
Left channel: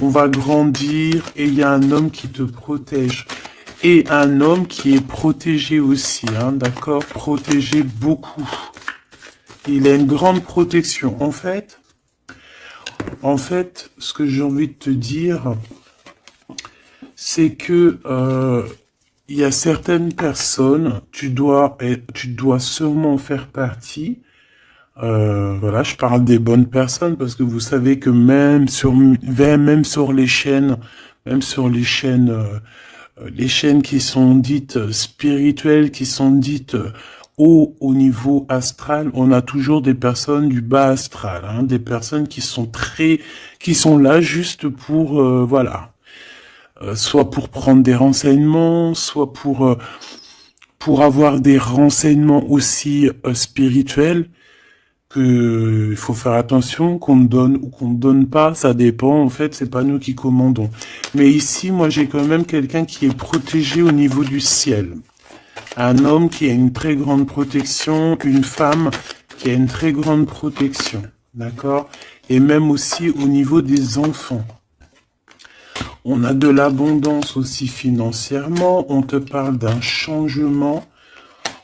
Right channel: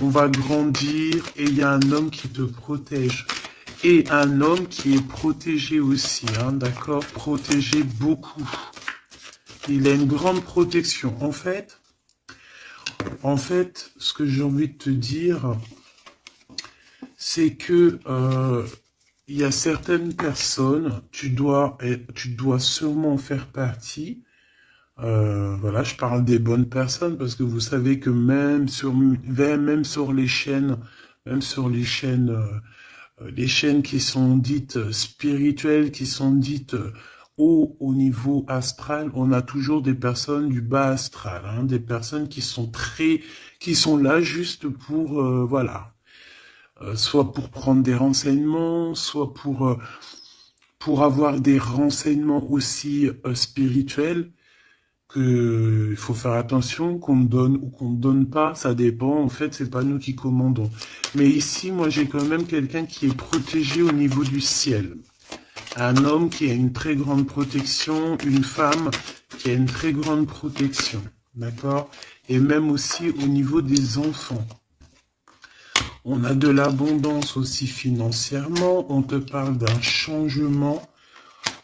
on va grandir et il y a un homme qui te protège. Et un homme qui est protégé aussi, hein, d'accord? Protégé beaucoup. Il a une grande protection. En fait, ce que j'ai envie de te dire, c'est que il y a certaines personnes, tu dois sûrement faire partie. Voilà, je parle des bonnes personnes parce que vous savez que même sur les chaînes qui sont dites spirituelles, qui sont dites haut au niveau astral, on a toujours des personnes du bas astral, hein, des personnes qui sont là juste pour, voilà, soit pour prendre des renseignements, soit pour avoir des renseignements aussi spirituels que il faut faire attention qu'on donne ou qu'on ne donne pas, ça dépend, en fait, c'est pas nous qui commandons. Mais ici, moi, j'ai quand même quelqu'un qui est protégé au niveau du ciel. Un homme qui a une très grande protection, une femme qui a une très grande protection, d'accord? Et même aussi au niveau des enfants. On a de l'abondance aussi financièrement, on te parle d'un changement.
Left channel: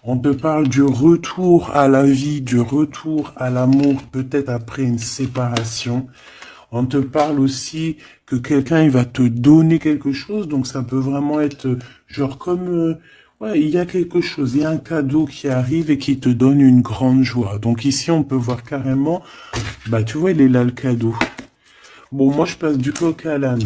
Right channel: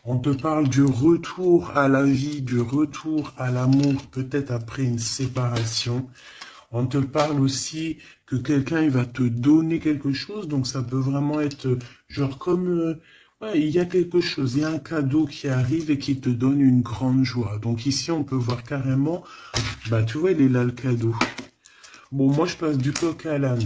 On te parle du retour à la vie, du retour à l'amour, peut-être après une séparation. On te parle aussi que quelqu'un il va te donner quelque chose, donc ça peut vraiment être genre comme ouais, il y a quelque chose, il y a un cadeau qui arrive et qui te donne une grande joie. Donc ici on peut voir carrément, bah tu vois il est là le cadeau. Bon moi je passe du coq à l'âne.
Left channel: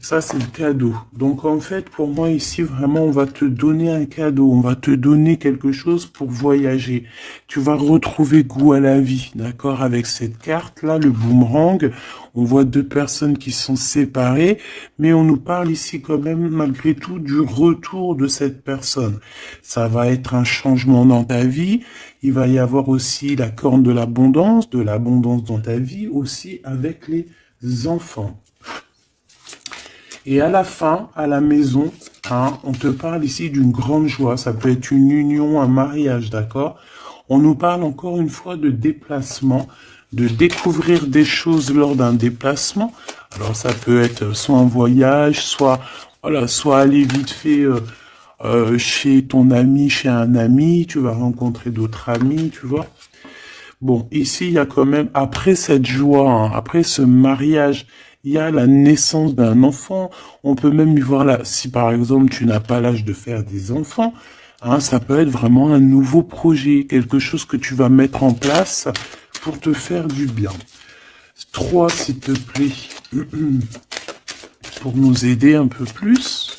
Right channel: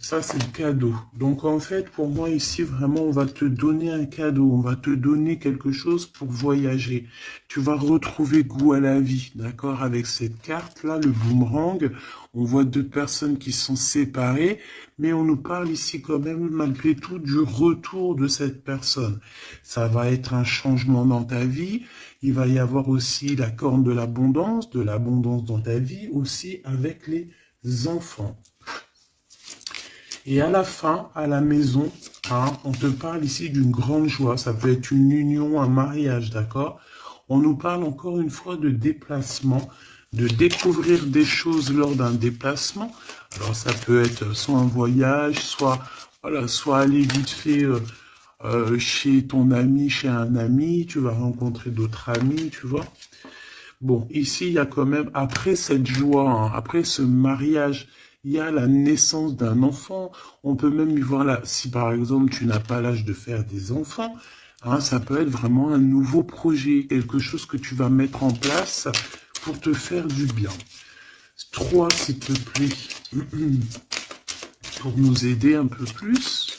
Ça, c'est le cadeau. Donc, en fait, pour moi, ici, vraiment, on va te donner un cadeau. On va te donner quelque chose pour voyager. Tu vas retrouver goût à la vie, d'accord? Avec cette carte-là, le boomerang, on voit deux personnes qui sont séparées, mais on nous parle ici quand même, malgré tout, du retour de cette personne. Ça va être un changement dans ta vie. Il va y avoir aussi la corne de l'abondance dans ta vie, aussi avec les enfants. Et à la fin, à la maison, hein, on te parle ici d'une grande joie. Ça peut être une union, un mariage, d'accord? On nous parle encore une fois de déplacement, de découvrir des choses lors d'un déplacement. Alors ça peut être soit un voyage, soit voilà, soit aller vite fait chez ton ami, chez un ami, tu vas rencontrer d'autres amis, tu vois. Bon, ici, il y a quand même, après cette joie, hein, après ce mariage, il y a la naissance d'un enfant. On peut même y voir là, si par exemple tu n'as pas l'âge de faire des enfants, hein, ça peut être vraiment un nouveau projet, quelque chose que tu vas mettre en place pour te faire du bien. 3, s'il te plaît, pour nous aider un peu plus.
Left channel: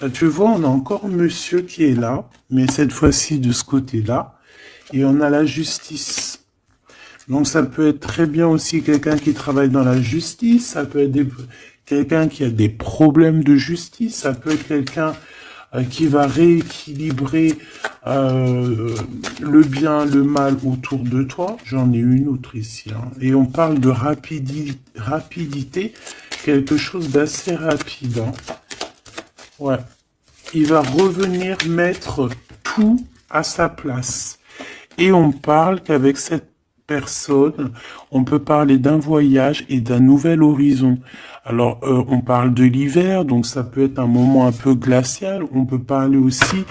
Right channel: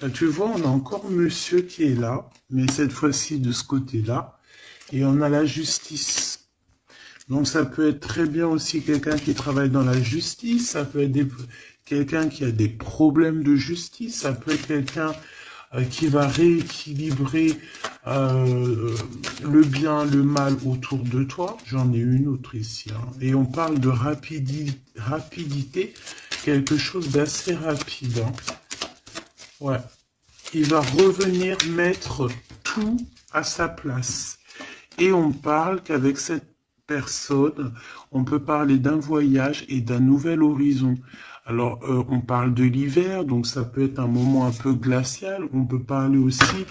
Ben, tu vois, on a encore monsieur qui est là, mais cette fois-ci de ce côté-là. Et on a la justice. Donc ça peut être très bien aussi quelqu'un qui travaille dans la justice, ça peut être quelqu'un qui a des problèmes de justice, ça peut être quelqu'un qui va rééquilibrer le bien, le mal autour de toi. J'en ai une autre ici. Hein. Et on parle de rapidité, quelque chose d'assez rapide. Hein. Ouais. Il va revenir mettre tout à sa place. Et on parle qu'avec cette personne, on peut parler d'un voyage et d'un nouvel horizon. Alors, on parle de l'hiver, donc ça peut être un moment un peu glacial. On peut parler aussi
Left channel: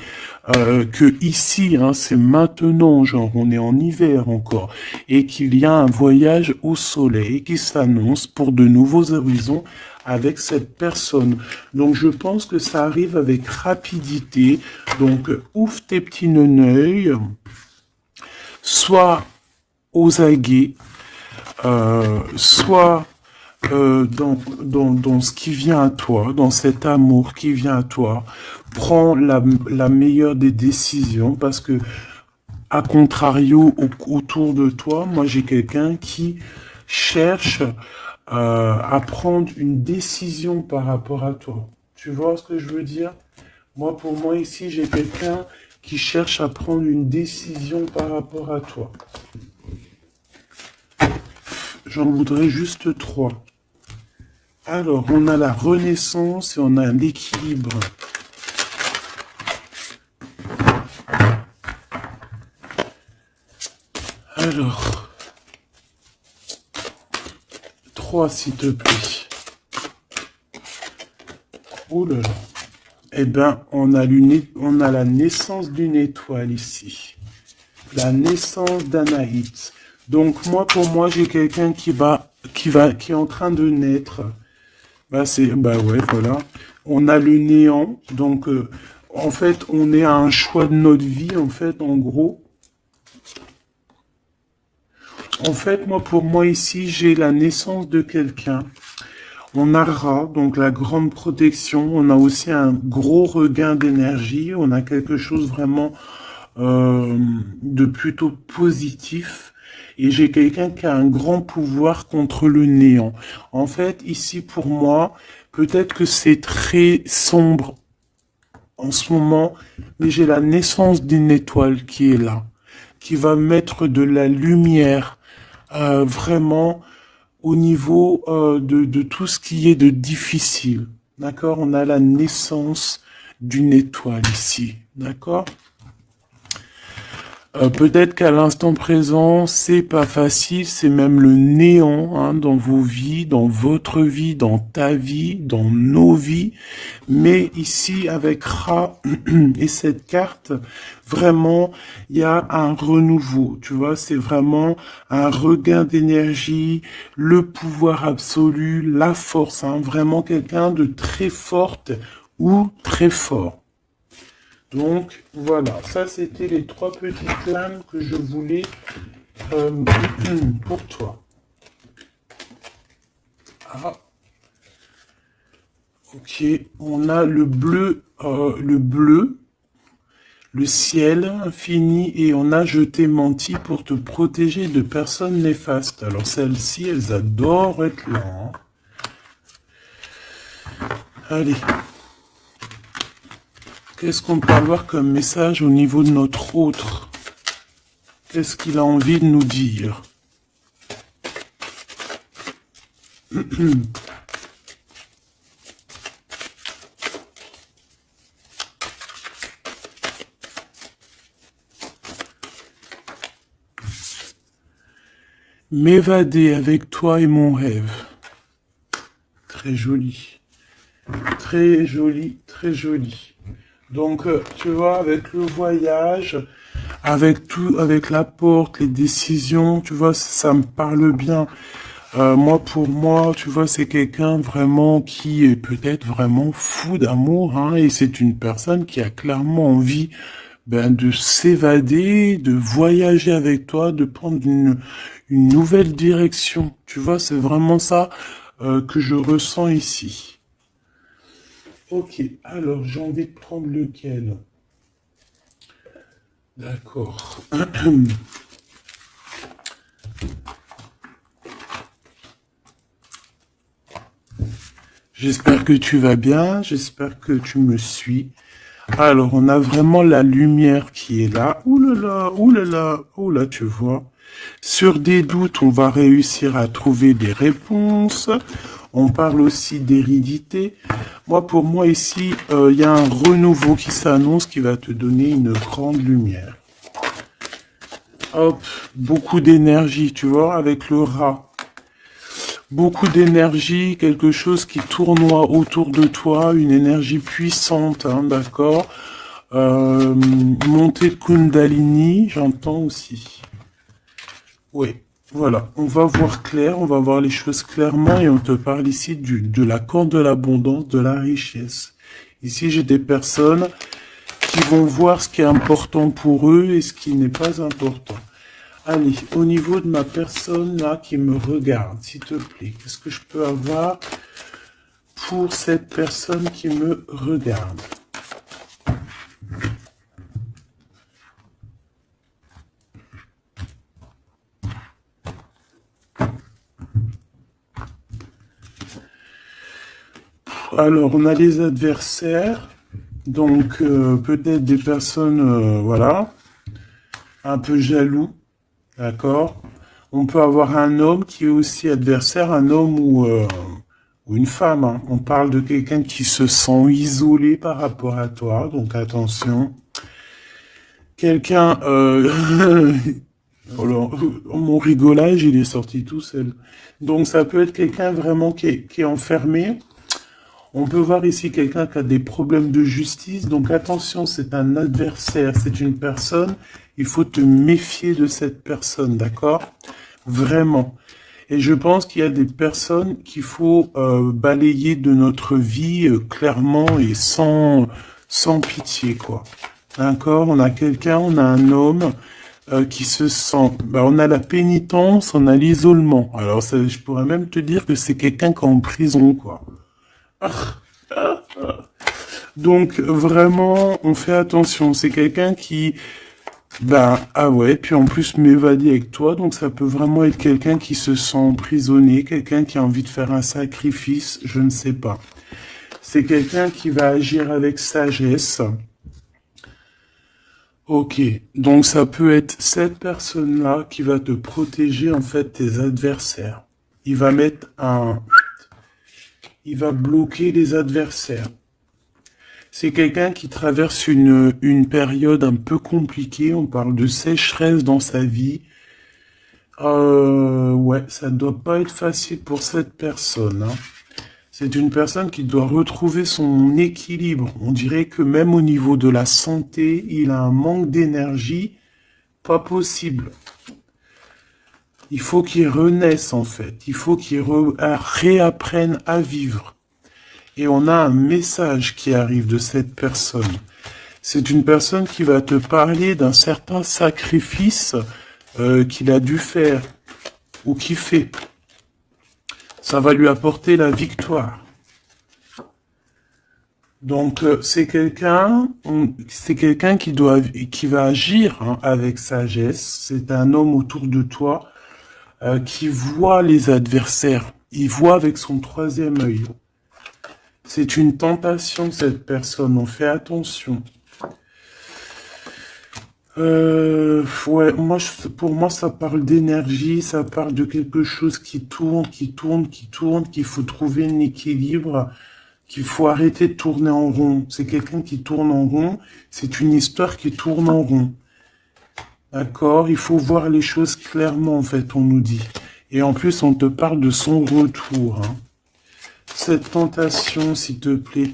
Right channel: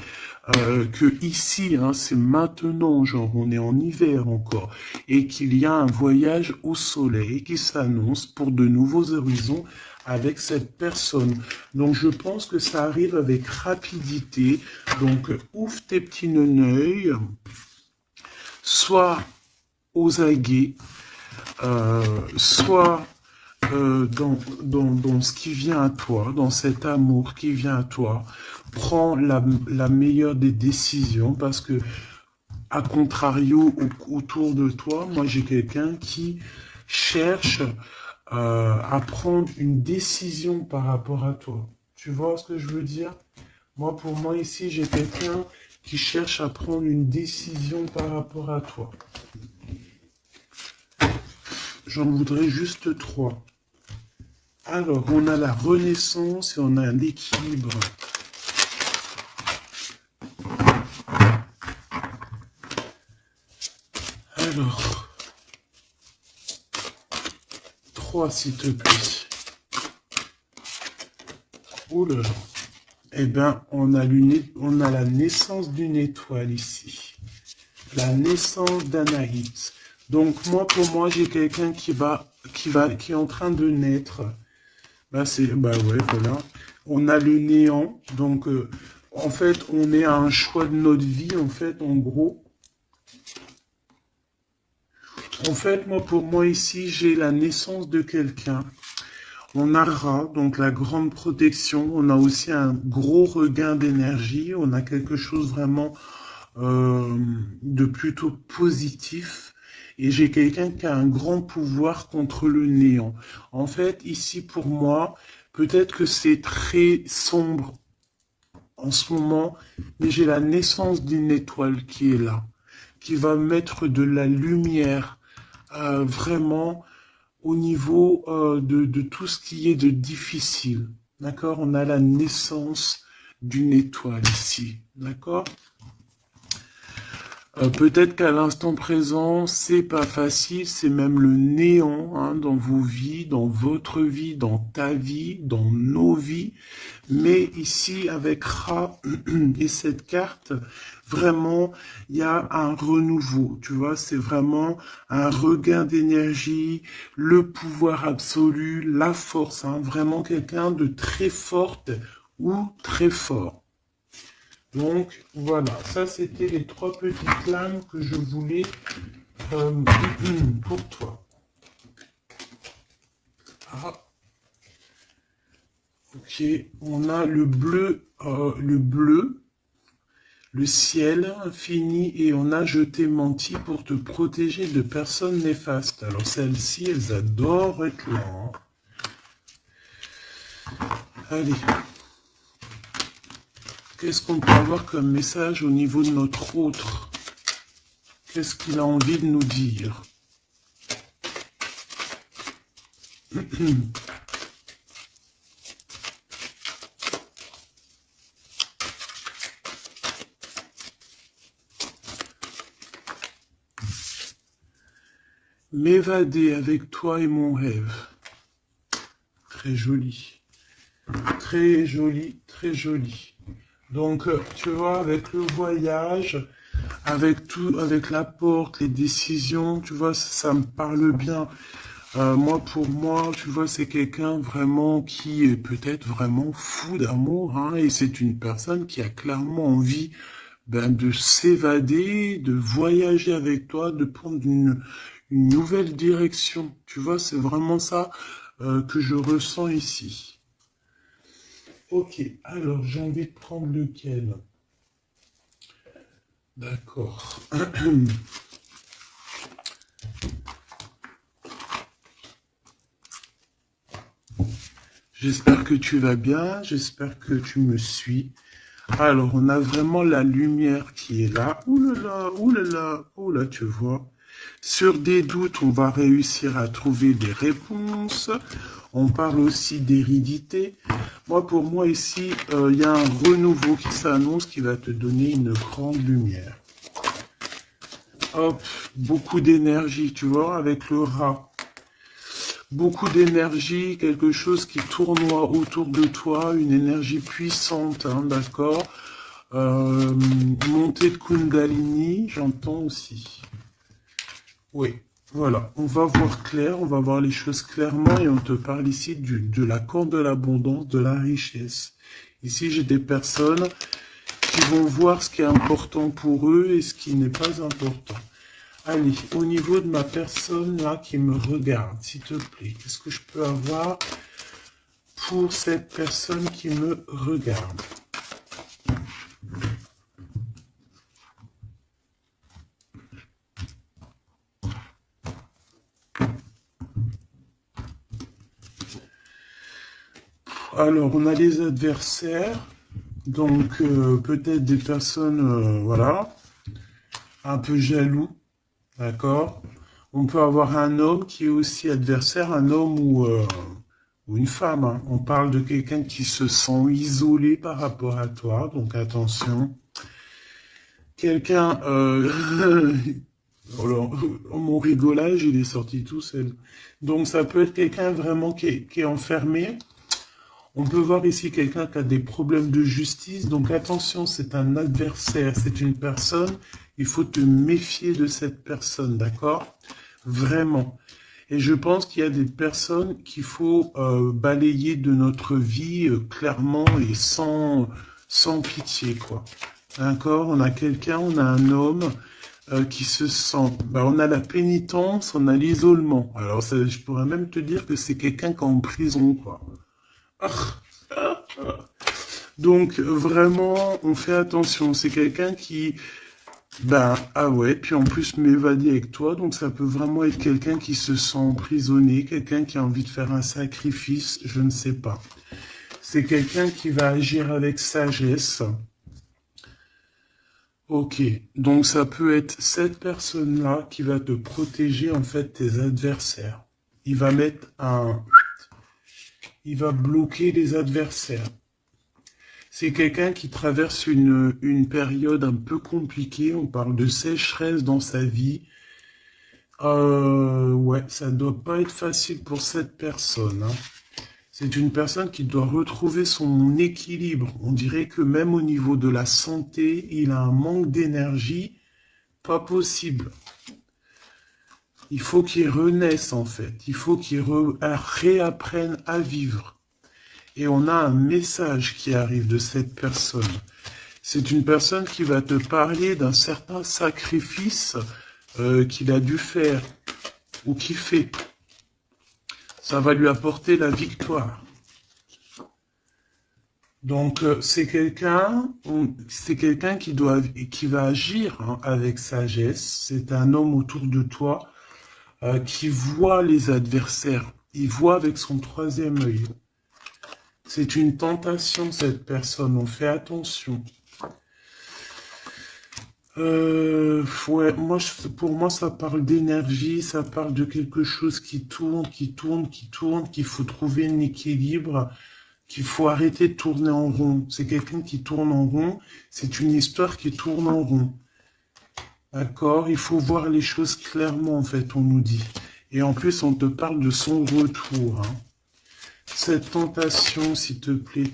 que ici, hein, c'est maintenant, genre on est en hiver encore, et qu'il y a un voyage au soleil qui s'annonce pour de nouveaux horizons avec cette personne. Donc je pense que ça arrive avec rapidité. Donc ouvre tes petits neneuils, soit aux aguets, soit dans ce qui vient à toi, dans cet amour qui vient à toi. Prends la meilleure des décisions parce que, à contrario, autour de toi, moi j'ai quelqu'un qui cherche à prendre une décision par rapport à toi. Tu vois ce que je veux dire? Moi, pour moi, ici, j'ai quelqu'un qui cherche à prendre une décision par rapport à toi. J'en voudrais juste 3. Alors, on a la renaissance et on a l'équilibre. Alors, 3 s'il te plaît. Oh là là. Eh ben, on a la naissance d'une étoile ici. La naissance d'Anaït. Donc, pour moi, j'ai quelqu'un qui est en train de naître. Bah ouais, voilà. On a le néant. Donc, en fait, on est à un choix de notre vie, en fait, en gros. En fait, pour moi, ici, j'ai la naissance de quelqu'un. On a Ra, donc la grande protection. On a aussi un gros regain d'énergie. On a quelque chose vraiment de plutôt positif. Et j'ai quelqu'un qui a un grand pouvoir contre le néant. En fait, ici, pour moi, peut-être que c'est très sombre en ce moment, mais j'ai la naissance d'une étoile qui est là, qui va mettre de la lumière vraiment au niveau de tout ce qui est de difficile. D'accord? On a la naissance d'une étoile ici. D'accord? Peut-être qu'à l'instant présent, c'est pas facile, c'est même le néant hein, dans vos vies, dans votre vie, dans ta vie, dans nos vies. Mais ici, avec Ra et cette carte, vraiment, il y a un renouveau. Tu vois, c'est vraiment un regain d'énergie, le pouvoir absolu, la force. Hein, vraiment quelqu'un de très forte ou très fort. Donc, voilà, ça c'était les 3 petites flammes que je voulais pour toi. Ah, ok, on a le bleu, le ciel infini et on a je t'ai menti pour te protéger de personnes néfastes. Alors celles-ci, elles adorent être là. Hein. Allez. Qu'est-ce qu'on peut avoir comme message au niveau de notre autre? Qu'est-ce qu'il a envie de nous dire? M'évader avec toi est mon rêve. Très joli. Très joli, très joli. Donc, tu vois, avec le voyage, avec tout, avec la porte, les décisions, tu vois, ça me parle bien. Moi, pour moi, tu vois, c'est quelqu'un vraiment qui est peut-être vraiment fou d'amour, hein, et c'est une personne qui a clairement envie, ben, de s'évader, de voyager avec toi, de prendre une nouvelle direction. Tu vois, c'est vraiment ça, que je ressens ici. Ok, alors j'ai envie de prendre lequel? D'accord. J'espère que tu vas bien, j'espère que tu me suis. Alors, on a vraiment la lumière qui est là. Ouh là là, ouh là là, oh là, tu vois. Sur des doutes, on va réussir à trouver des réponses. On parle aussi d'hérédité. Moi, pour moi, ici, il y a un renouveau qui s'annonce qui va te donner une grande lumière. Hop, beaucoup d'énergie, tu vois, avec le rat. Beaucoup d'énergie, quelque chose qui tournoie autour de toi, une énergie puissante, hein, d'accord. Montée de Kundalini, j'entends aussi. Oui, voilà, on va voir clair, on va voir les choses clairement et on te parle ici de la corde de l'abondance, de la richesse. Ici, j'ai des personnes qui vont voir ce qui est important pour eux et ce qui n'est pas important. Allez, au niveau de ma personne là qui me regarde, s'il te plaît, qu'est-ce que je peux avoir pour cette personne qui me regarde? Alors, on a les adversaires, donc peut-être des personnes, voilà, un peu jaloux, d'accord? On peut avoir un homme qui est aussi adversaire, un homme ou une femme, hein. On parle de quelqu'un qui se sent isolé par rapport à toi, donc attention. Quelqu'un, alors, mon rigolage, il est sorti tout seul. Donc ça peut être quelqu'un vraiment qui est enfermé. On peut voir ici quelqu'un qui a des problèmes de justice. Donc attention, c'est un adversaire, c'est une personne. Il faut te méfier de cette personne, d'accord? Vraiment. Et je pense qu'il y a des personnes qu'il faut balayer de notre vie clairement et sans pitié, quoi. D'accord? On a quelqu'un, on a un homme qui se sent... Bah, on a la pénitence, on a l'isolement. Alors je pourrais même te dire que c'est quelqu'un qui est en prison, quoi. Donc vraiment, on fait attention. C'est quelqu'un qui... Bah, ah ouais, puis en plus m'évader avec toi, donc ça peut vraiment être quelqu'un qui se sent emprisonné, quelqu'un qui a envie de faire un sacrifice, je ne sais pas. C'est quelqu'un qui va agir avec sagesse. Ok, donc ça peut être cette personne-là qui va te protéger en fait tes adversaires. Il va mettre un... Il va bloquer les adversaires. C'est quelqu'un qui traverse une période un peu compliquée. On parle de sécheresse dans sa vie. Ouais, ça doit pas être facile pour cette personne, hein. C'est une personne qui doit retrouver son équilibre. On dirait que même au niveau de la santé, il a un manque d'énergie pas possible. Il faut qu'il renaisse en fait. Il faut qu'il réapprenne à vivre. Et on a un message qui arrive de cette personne. C'est une personne qui va te parler d'un certain sacrifice qu'il a dû faire ou qu'il fait. Ça va lui apporter la victoire. Donc c'est quelqu'un qui va agir hein, avec sagesse. C'est un homme autour de toi qui voit les adversaires. Il voit avec son troisième œil. C'est une tentation cette personne. On fait attention. Ouais, pour moi, ça parle d'énergie, ça parle de quelque chose qui tourne, qui tourne, qui tourne, qu'il faut trouver un équilibre, qu'il faut arrêter de tourner en rond. C'est quelqu'un qui tourne en rond, c'est une histoire qui tourne en rond. D'accord? Il faut voir les choses clairement, en fait, on nous dit. Et en plus, on te parle de son retour, hein. Cette tentation, s'il te plaît.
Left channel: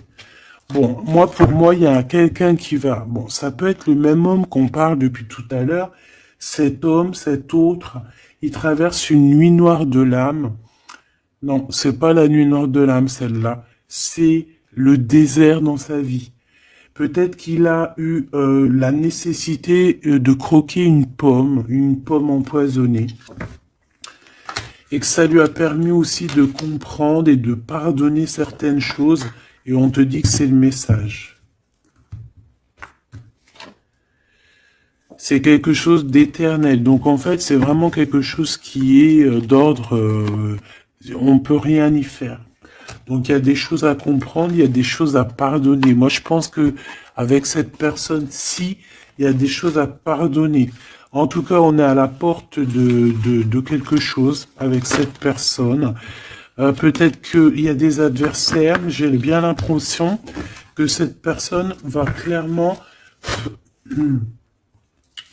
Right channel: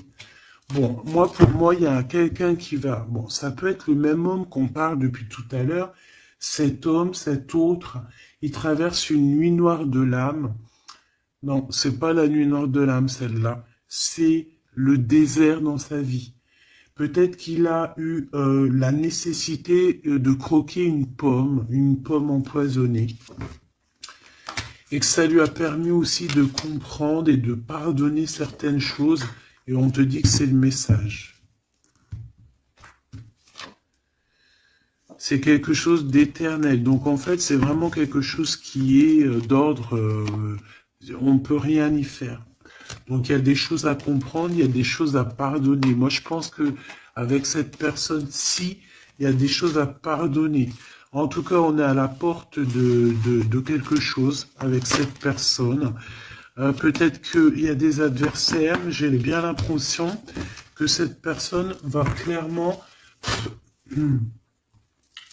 Bon, moi, pour moi, il y a quelqu'un qui va... Bon, ça peut être le même homme qu'on parle depuis tout à l'heure. Cet homme, cet autre, il traverse une nuit noire de l'âme. Non, c'est pas la nuit noire de l'âme, celle-là. C'est le désert dans sa vie. Peut-être qu'il a eu la nécessité de croquer une pomme empoisonnée. Et que ça lui a permis aussi de comprendre et de pardonner certaines choses. Et on te dit que c'est le message. C'est quelque chose d'éternel. Donc en fait, c'est vraiment quelque chose qui est d'ordre... on peut rien y faire. Donc il y a des choses à comprendre, il y a des choses à pardonner. Moi, je pense que avec cette personne-ci, il y a des choses à pardonner. En tout cas, on est à la porte de quelque chose avec cette personne. Peut-être qu'il y a des adversaires, mais j'ai bien l'impression que cette personne va clairement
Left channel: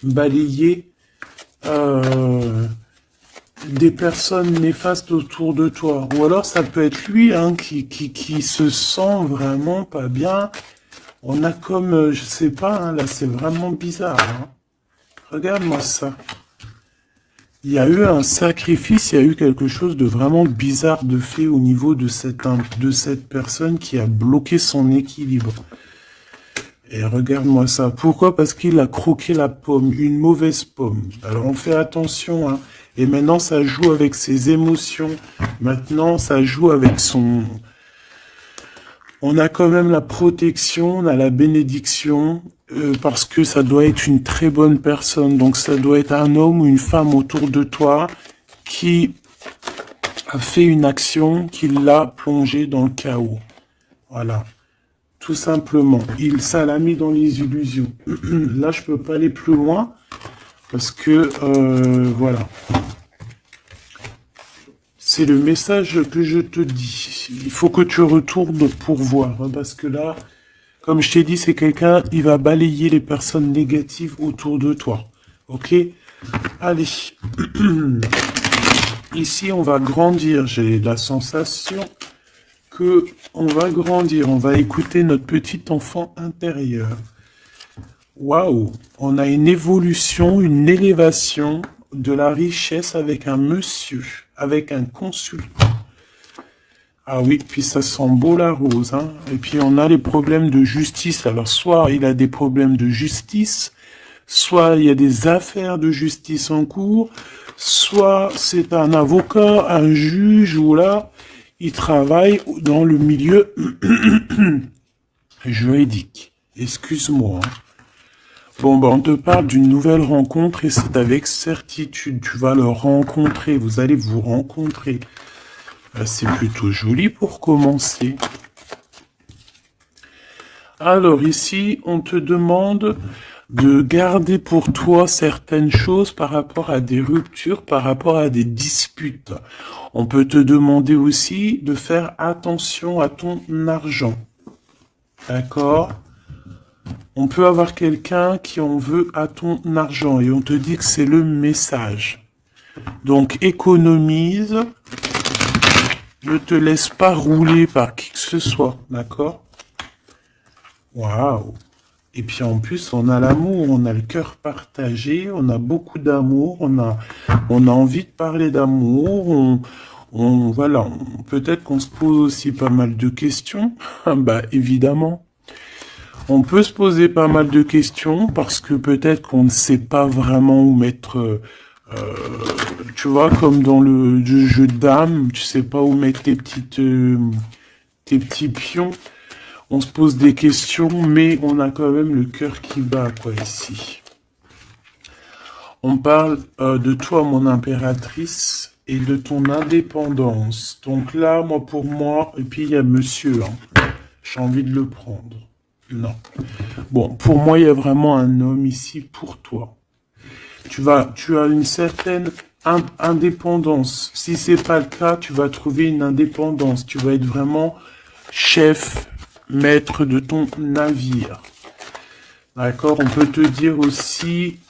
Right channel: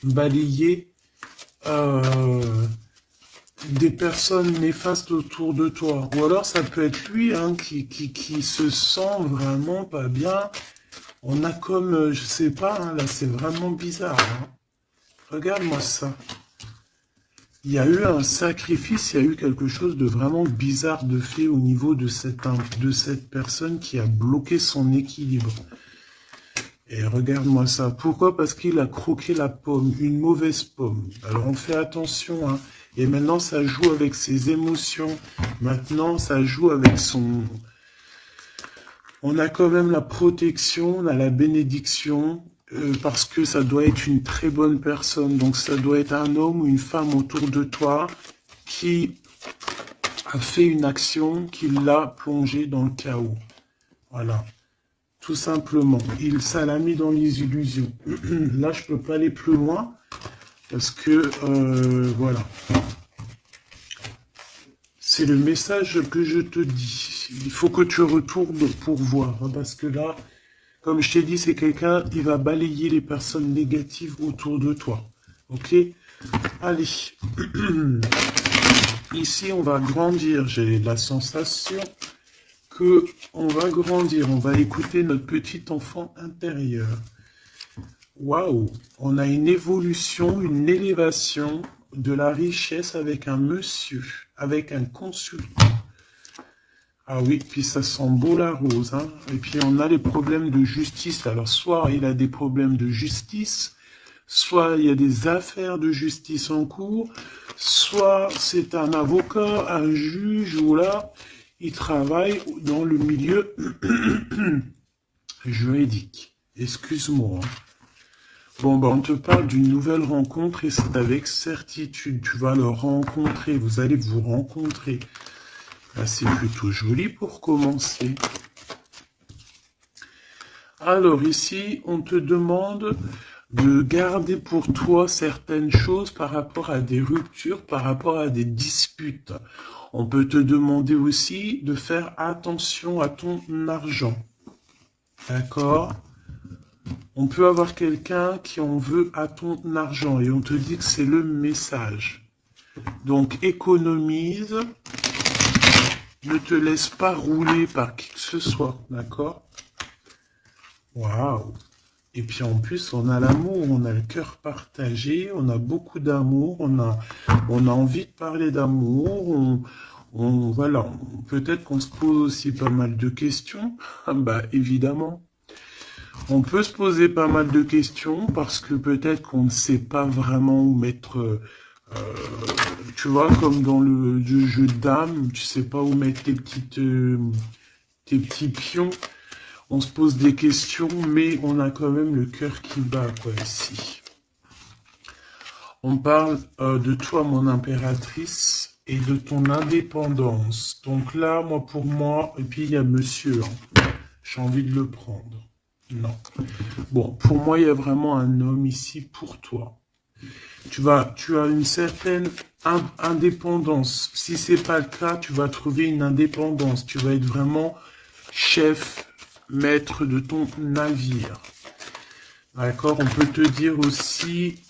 balayer des personnes néfastes autour de toi. Ou alors ça peut être lui hein, qui se sent vraiment pas bien. On a comme, je sais pas, hein, là c'est vraiment bizarre. Hein. Regarde-moi ça. Il y a eu un sacrifice, il y a eu quelque chose de vraiment bizarre de fait au niveau de cette personne qui a bloqué son équilibre. Et regarde-moi ça. Pourquoi? Parce qu'il a croqué la pomme, une mauvaise pomme. Alors on fait attention, hein. Et maintenant ça joue avec ses émotions. Maintenant ça joue avec son... On a quand même la protection, on a la bénédiction, parce que ça doit être une très bonne personne. Donc ça doit être un homme ou une femme autour de toi qui a fait une action qui l'a plongé dans le chaos. Voilà. Tout simplement. Ça l'a mis dans les illusions. Là, je peux pas aller plus loin parce que, voilà. C'est le message que je te dis. Il faut que tu retournes pour voir. Hein, parce que là, comme je t'ai dit, c'est quelqu'un, il va balayer les personnes négatives autour de toi. Ok? Allez. Ici, on va grandir. J'ai la sensation que on va grandir. On va écouter notre petit enfant intérieur. Waouh! On a une évolution, une élévation de la richesse avec un monsieur, avec un consultant. Ah oui, puis ça sent beau la rose. Hein. Et puis on a les problèmes de justice. Alors soit il a des problèmes de justice, soit il y a des affaires de justice en cours, soit c'est un avocat, un juge, ou là, il travaille dans le milieu juridique. Excuse-moi. Bon, ben, on te parle d'une nouvelle rencontre et c'est avec certitude. Tu vas le rencontrer, vous allez vous rencontrer. Ben, c'est plutôt joli pour commencer. Alors ici, on te demande de garder pour toi certaines choses par rapport à des ruptures, par rapport à des disputes. On peut te demander aussi de faire attention à ton argent. D'accord ? On peut avoir quelqu'un qui en veut à ton argent et on te dit que c'est le message. Donc économise, ne te laisse pas rouler par qui que ce soit, d'accord? Waouh! Et puis en plus, on a l'amour, on a le cœur partagé, on a beaucoup d'amour, on a envie de parler d'amour, voilà, peut-être qu'on se pose aussi pas mal de questions, bah évidemment. On peut se poser pas mal de questions parce que peut-être qu'on ne sait pas vraiment où mettre, tu vois, comme dans le jeu de dames, tu sais pas où mettre tes petits pions. On se pose des questions, mais on a quand même le cœur qui bat, quoi, ici. On parle de toi, mon impératrice, et de ton indépendance. Donc là, pour moi, et puis il y a monsieur, hein, j'ai envie de le prendre. Non. Bon, pour moi, il y a vraiment un homme ici pour toi. Tu as une certaine indépendance. Si c'est pas le cas, tu vas trouver une indépendance. Tu vas être vraiment chef, maître de ton navire. D'accord? On peut te dire aussi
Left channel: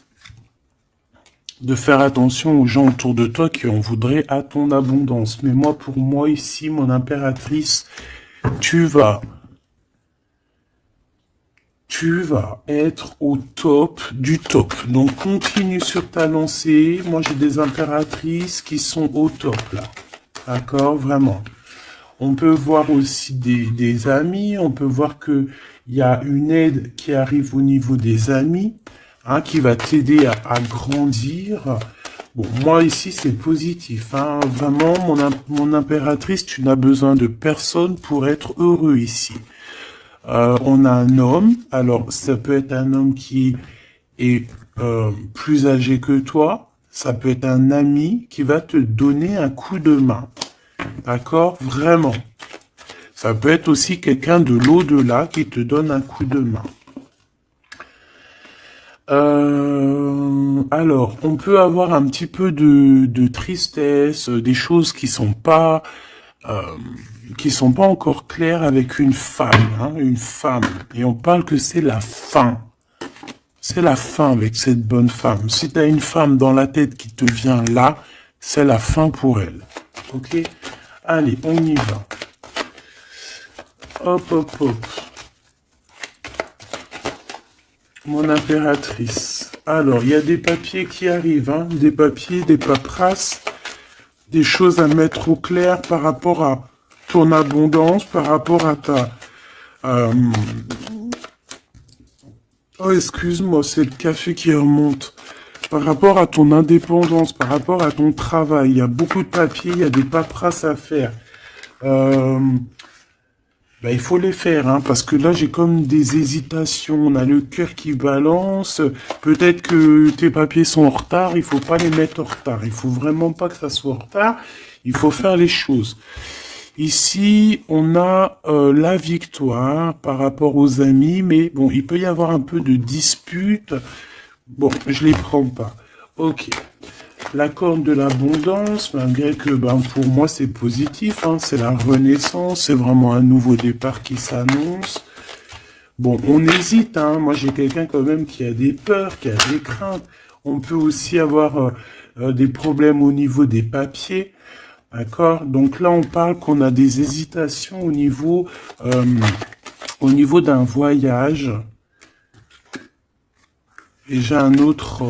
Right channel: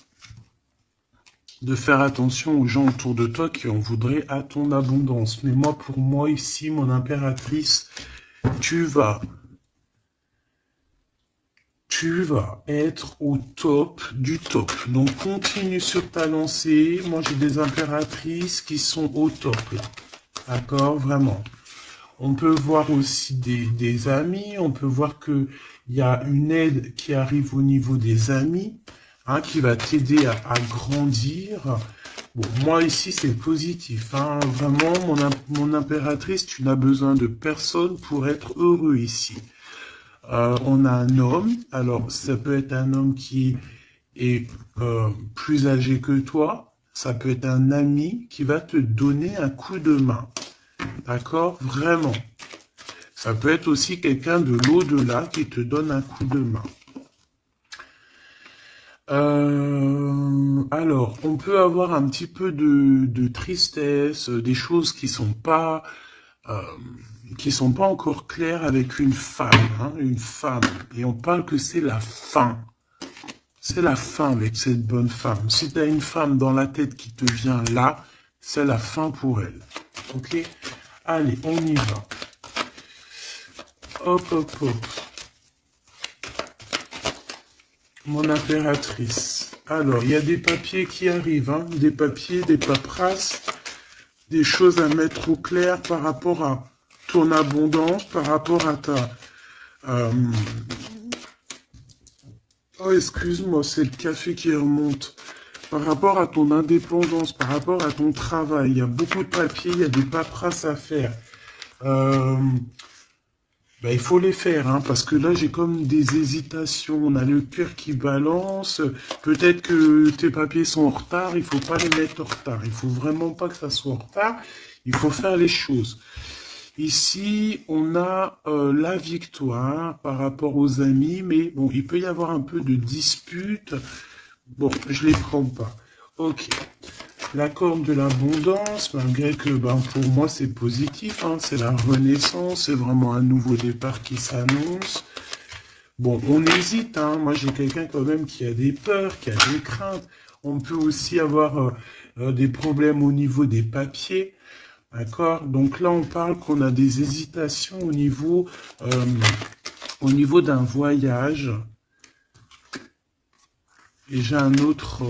de faire attention aux gens autour de toi qui en voudraient à ton abondance. Mais moi, pour moi, ici, mon impératrice, tu vas être au top du top. Donc, continue sur ta lancée. Moi, j'ai des impératrices qui sont au top, là. D'accord? Vraiment. On peut voir aussi des amis. On peut voir que il y a une aide qui arrive au niveau des amis, hein, qui va t'aider à grandir. Bon, moi, ici, c'est positif, hein. Vraiment, mon impératrice, tu n'as besoin de personne pour être heureux ici. On a un homme, alors ça peut être un homme qui est plus âgé que toi, ça peut être un ami qui va te donner un coup de main, d'accord? Vraiment. Ça peut être aussi quelqu'un de l'au-delà qui te donne un coup de main. Alors, on peut avoir un petit peu de tristesse, des choses qui sont pas encore claires avec une femme, hein, une femme. Et on parle que c'est la fin. C'est la fin avec cette bonne femme. Si tu as une femme dans la tête qui te vient là, c'est la fin pour elle. Ok? Allez, on y va. Hop, hop, hop. Mon impératrice. Alors, il y a des papiers qui arrivent, hein, des papiers, des paperasses, des choses à mettre au clair par rapport à ton abondance, par rapport à ta... Oh, excuse-moi, c'est le café qui remonte. Par rapport à ton indépendance, par rapport à ton travail, il y a beaucoup de papiers, il y a des paperasses à faire. Il faut les faire, hein, parce que là, j'ai comme des hésitations. On a le cœur qui balance. Peut-être que tes papiers sont en retard. Il faut pas les mettre en retard. Il faut vraiment pas que ça soit en retard. Il faut faire les choses. Ici, on a la victoire par rapport aux amis, mais bon, il peut y avoir un peu de dispute. Bon, je les prends pas. Ok. La corde de l'abondance, malgré que pour moi c'est positif, hein, c'est la renaissance, c'est vraiment un nouveau départ qui s'annonce. Bon, on hésite, hein, moi j'ai quelqu'un quand même qui a des peurs, qui a des craintes. On peut aussi avoir des problèmes au niveau des papiers, d'accord? Donc là on parle qu'on a des hésitations au niveau d'un voyage. Et j'ai un autre...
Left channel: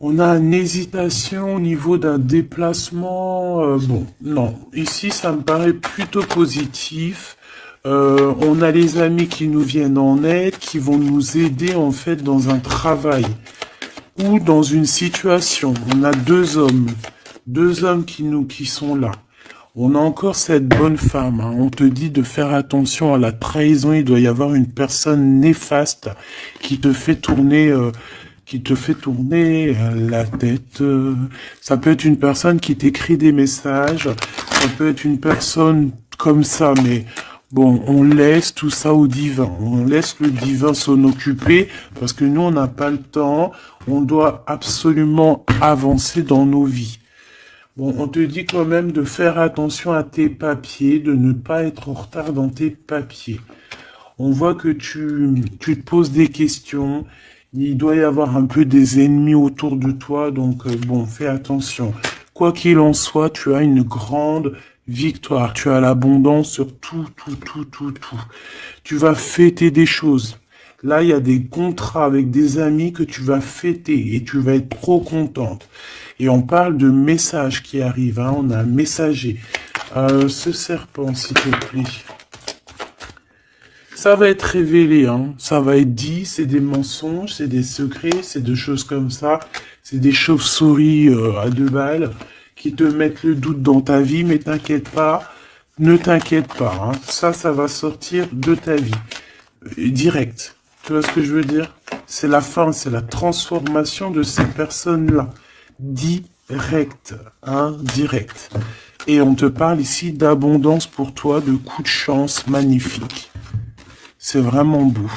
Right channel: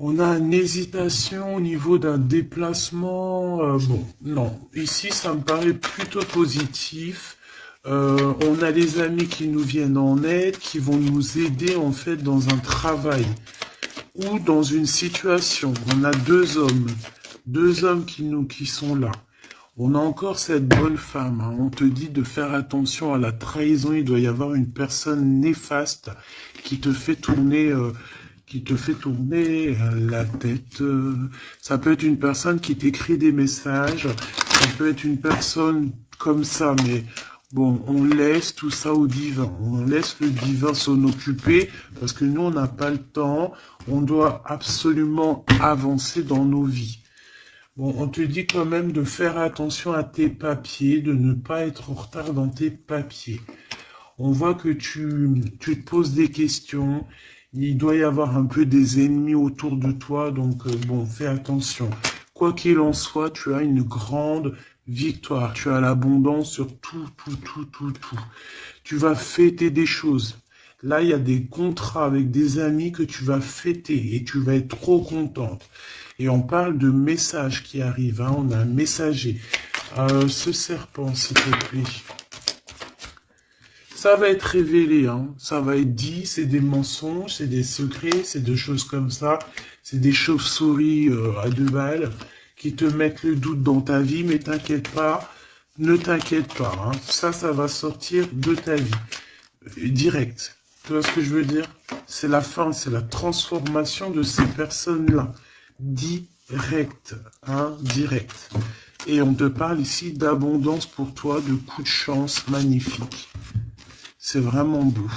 On a une hésitation au niveau d'un déplacement. Bon, non. Ici, ça me paraît plutôt positif. On a les amis qui nous viennent en aide, qui vont nous aider en fait dans un travail ou dans une situation. On a deux hommes qui sont là. On a encore cette bonne femme, hein. On te dit de faire attention à la trahison. Il doit y avoir une personne néfaste qui te fait tourner... la tête. Ça peut être une personne qui t'écrit des messages, ça peut être une personne comme ça, mais bon, on laisse tout ça au divin. On laisse le divin s'en occuper, parce que nous, on n'a pas le temps. On doit absolument avancer dans nos vies. Bon, on te dit quand même de faire attention à tes papiers, de ne pas être en retard dans tes papiers. On voit que tu te poses des questions. Il doit y avoir un peu des ennemis autour de toi, donc bon, fais attention. Quoi qu'il en soit, tu as une grande victoire. Tu as l'abondance sur tout. Tu vas fêter des choses. Là, il y a des contrats avec des amis que tu vas fêter et tu vas être trop contente. Et on parle de messages qui arrivent, hein. On a un messager. Ce serpent, s'il te plaît. Ça va être révélé, hein. Ça va être dit, c'est des mensonges, c'est des secrets, c'est des choses comme ça. C'est des chauves-souris à 2 balles qui te mettent le doute dans ta vie, mais t'inquiète pas, ne t'inquiète pas, hein. Ça va sortir de ta vie. Direct. Tu vois ce que je veux dire? C'est la fin, c'est la transformation de ces personnes-là. Direct, hein, direct. Et on te parle ici d'abondance pour toi, de coups de chance magnifiques. C'est vraiment beau.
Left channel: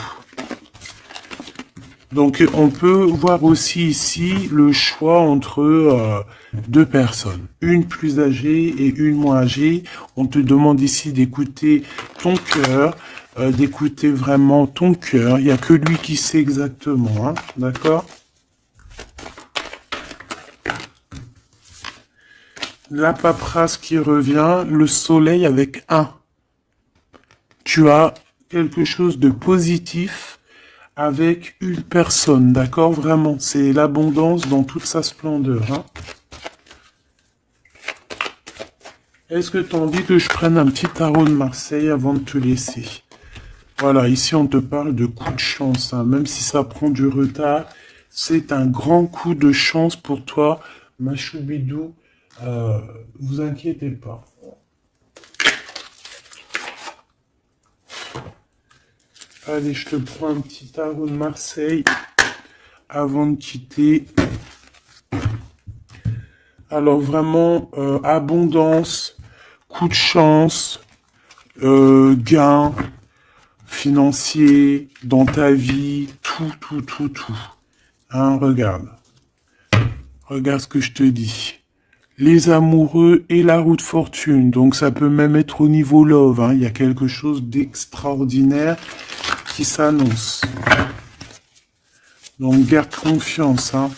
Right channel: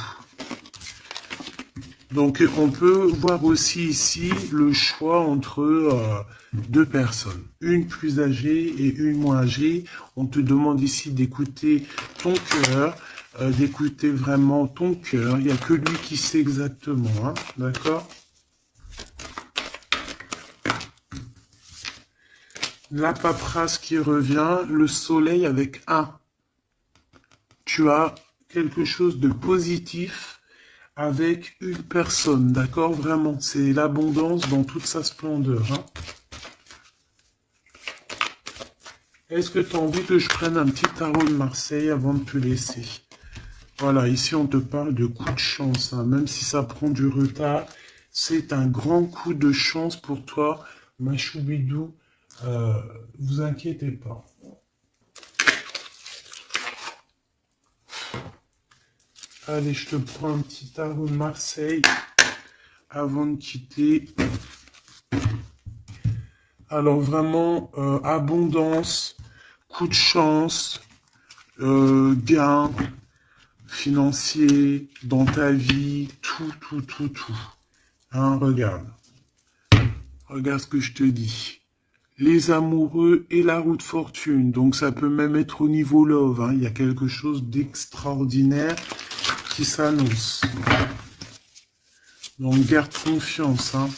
Donc, on peut voir aussi ici le choix entre deux personnes. Une plus âgée et une moins âgée. On te demande ici d'écouter ton cœur, d'écouter vraiment ton cœur. Il n'y a que lui qui sait exactement, hein, d'accord? La paperasse qui revient, le soleil avec un. Tu as quelque chose de positif avec une personne, d'accord? Vraiment, c'est l'abondance dans toute sa splendeur, hein. Est-ce que tu as envie que je prenne un petit tarot de Marseille avant de te laisser? Voilà, ici on te parle de coup de chance, hein. Même si ça prend du retard, c'est un grand coup de chance pour toi, ma choubidou. Vous inquiétez pas. Allez, je te prends un petit tarot de Marseille avant de quitter. Alors vraiment, abondance, coup de chance, gain financier dans ta vie, tout. Hein, regarde. Regarde ce que je te dis. Les amoureux et la roue de fortune. Donc ça peut même être au niveau love, hein. Il y a quelque chose d'extraordinaire qui s'annonce. Donc garde confiance, hein.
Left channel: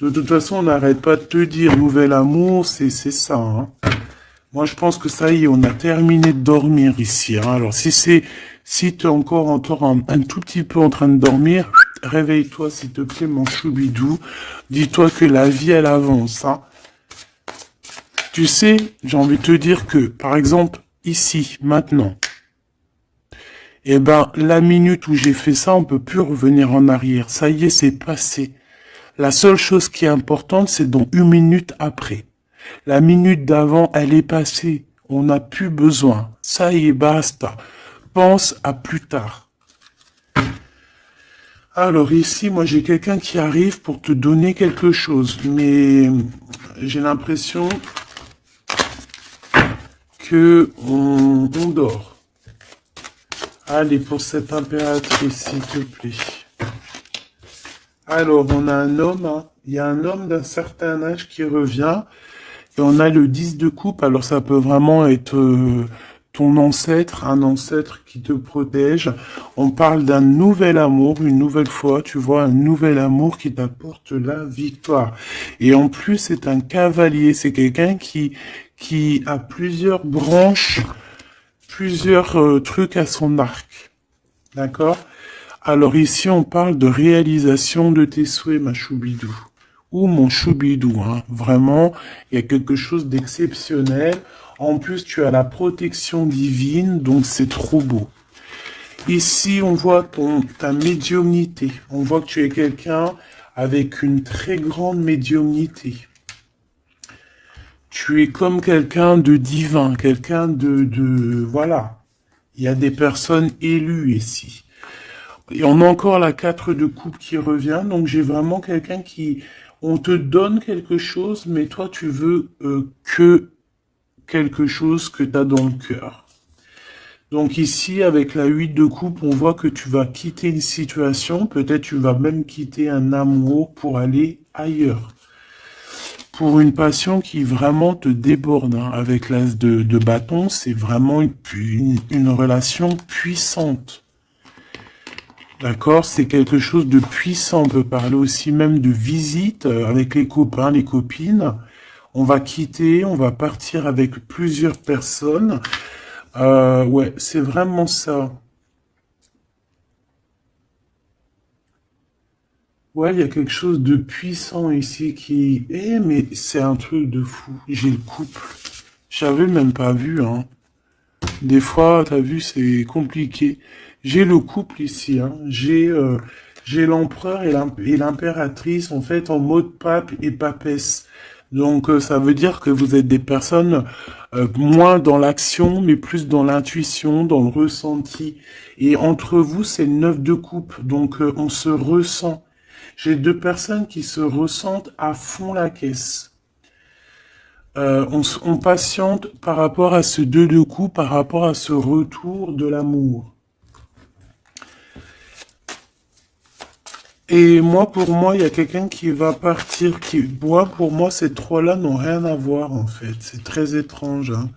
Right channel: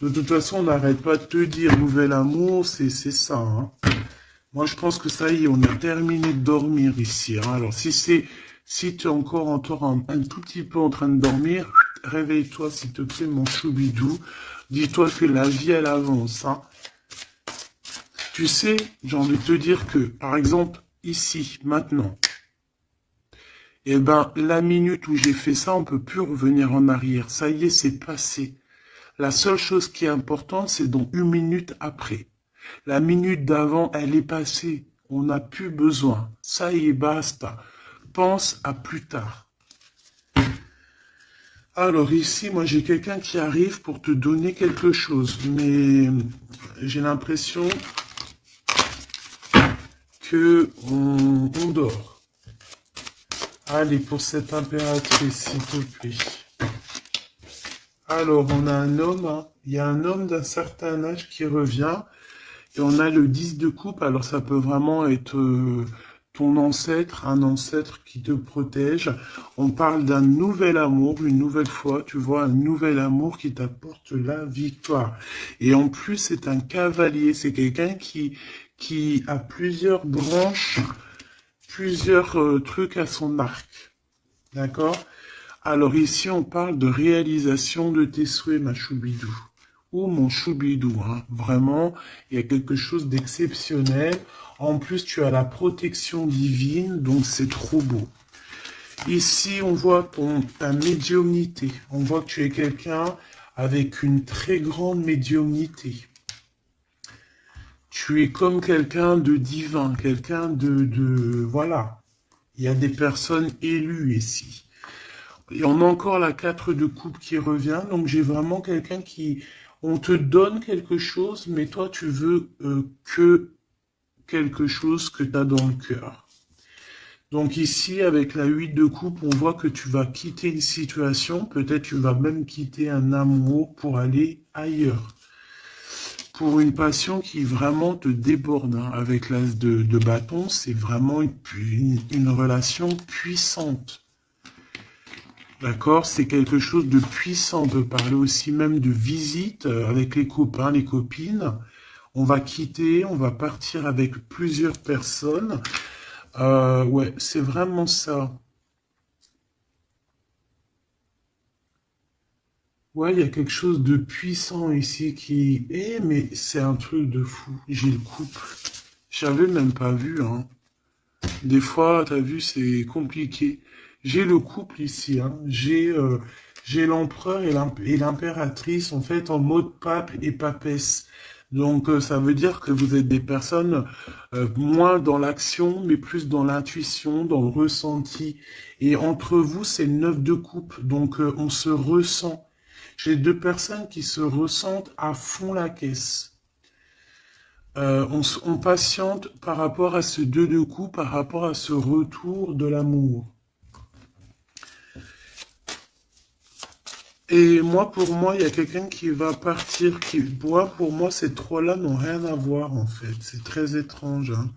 De toute façon, on n'arrête pas de te dire nouvel amour, c'est ça, hein. Moi, je pense que ça y est, on a terminé de dormir ici, hein. Alors, si tu es encore un tout petit peu en train de dormir, réveille-toi, s'il te plaît, mon choubidou. Dis-toi que la vie, elle avance, hein. Tu sais, j'ai envie de te dire que, par exemple, ici, maintenant, eh ben, la minute où j'ai fait ça, on peut plus revenir en arrière. Ça y est, c'est passé. La seule chose qui est importante, c'est dans une minute après. La minute d'avant, elle est passée. On n'a plus besoin. Ça y est, basta. Pense à plus tard. Alors ici, moi j'ai quelqu'un qui arrive pour te donner quelque chose, mais j'ai l'impression que on dort. Allez, pour cette impératrice, s'il te plaît. Alors, on a un homme, hein. Il y a un homme d'un certain âge qui revient, et on a le 10 de coupe, alors ça peut vraiment être ton ancêtre, un ancêtre qui te protège. On parle d'un nouvel amour, une nouvelle fois, tu vois, un nouvel amour qui t'apporte la victoire. Et en plus, c'est un cavalier, c'est quelqu'un qui a plusieurs branches, plusieurs trucs à son arc. D'accord? Alors ici, on parle de réalisation de tes souhaits, ma choubidou. Ou mon choubidou, hein. Vraiment, il y a quelque chose d'exceptionnel. En plus, tu as la protection divine, donc c'est trop beau. Ici, on voit ta médiumnité. On voit que tu es quelqu'un avec une très grande médiumnité. Tu es comme quelqu'un de divin, quelqu'un voilà. Il y a des personnes élues ici. Et on a encore la 4 de coupe qui revient, donc j'ai vraiment quelqu'un qui... On te donne quelque chose, mais toi tu veux que quelque chose que tu as dans le cœur. Donc ici, avec la 8 de coupe, on voit que tu vas quitter une situation, peut-être tu vas même quitter un amour pour aller ailleurs. Pour une passion qui vraiment te déborde, hein. Avec l'as de bâton, c'est vraiment une relation puissante. D'accord, c'est quelque chose de puissant. On peut parler aussi même de visite avec les copains, les copines. On va quitter, on va partir avec plusieurs personnes. Ouais, c'est vraiment ça. Ouais, il y a quelque chose de puissant ici qui... mais c'est un truc de fou. J'ai le couple. J'avais même pas vu, hein. Des fois, t'as vu, c'est compliqué. J'ai le couple ici, hein. J'ai l'empereur et l'impératrice, en fait, en mode pape et papesse. Donc, ça veut dire que vous êtes des personnes moins dans l'action, mais plus dans l'intuition, dans le ressenti. Et entre vous, c'est le 9 de coupe. Donc, on se ressent. J'ai deux personnes qui se ressentent à fond la caisse. On patiente par rapport à ce 2 de coupe, par rapport à ce retour de l'amour. Et moi, pour moi, il y a quelqu'un qui va partir. Pour moi, ces trois-là n'ont rien à voir, en fait. C'est très étrange, hein.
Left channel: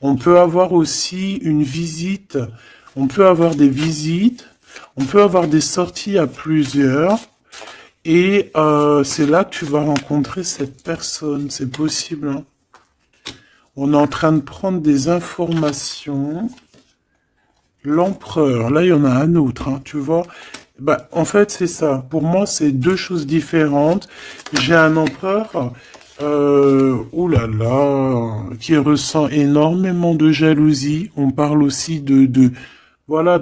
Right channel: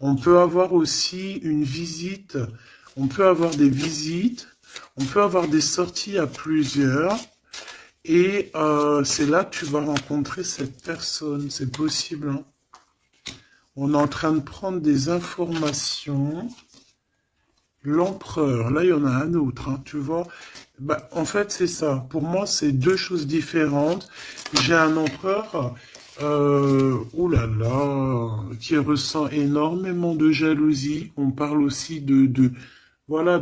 On peut avoir aussi une visite On peut avoir des visites, on peut avoir des sorties à plusieurs. Et c'est là que tu vas rencontrer cette personne. C'est possible, hein. On est en train de prendre des informations. L'empereur, là, il y en a un autre, hein, tu vois. Bah, en fait, c'est ça. Pour moi, c'est deux choses différentes. J'ai un empereur, oh là là, qui ressent énormément de jalousie. On parle aussi voilà,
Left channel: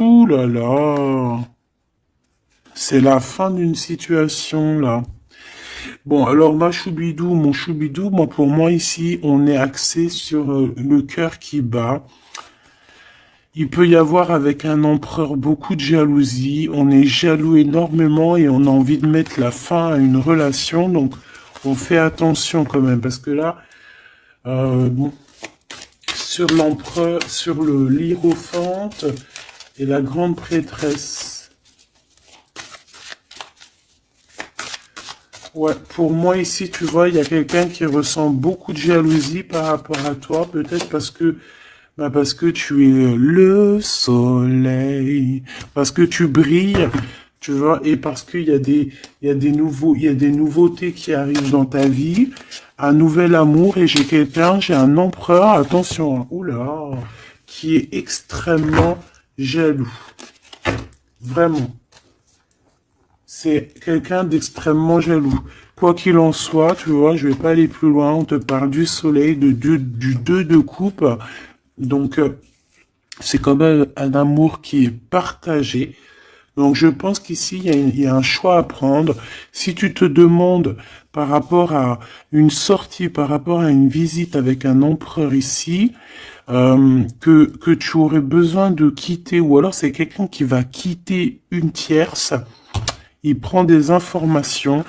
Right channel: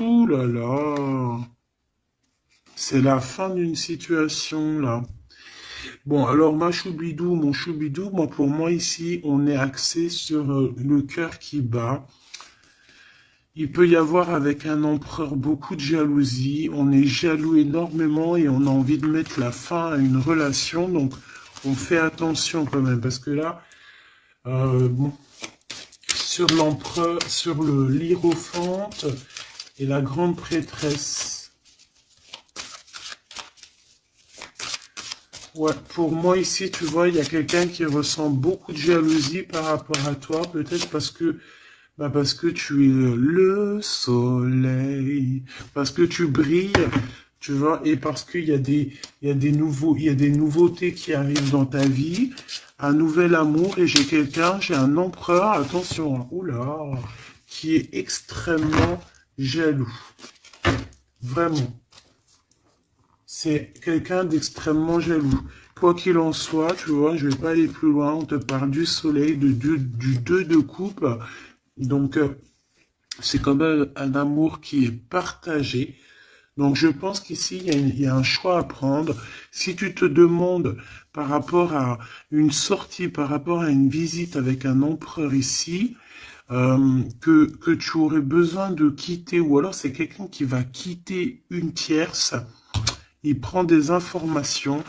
ouh là là, c'est la fin d'une situation, là. Bon, alors ma choubidou, mon choubidou, moi, pour moi, ici, on est axé sur le cœur qui bat. Il peut y avoir avec un empereur beaucoup de jalousie. On est jaloux énormément et on a envie de mettre la fin à une relation. Donc, on fait attention quand même parce que là, bon, sur l'empereur, sur le l'hiérophante et la grande prêtresse. Ouais, pour moi ici, tu vois, il y a quelqu'un qui ressent beaucoup de jalousie par rapport à toi, peut-être parce que tu es le soleil, parce que tu brilles, tu vois, et parce il y a des nouveautés qui arrivent dans ta vie, un nouvel amour, et j'ai un empereur, attention, hein, oula, qui est extrêmement jaloux, vraiment. C'est quelqu'un d'extrêmement jaloux. Quoi qu'il en soit, tu vois, je vais pas aller plus loin, on te parle du soleil, du 2 de coupe, donc c'est quand même un amour qui est partagé. Donc je pense qu'ici, il y a un choix à prendre. Si tu te demandes par rapport à une sortie, par rapport à une visite avec un empereur ici, que tu aurais besoin de quitter, ou alors c'est quelqu'un qui va quitter une tierce, il prend des informations,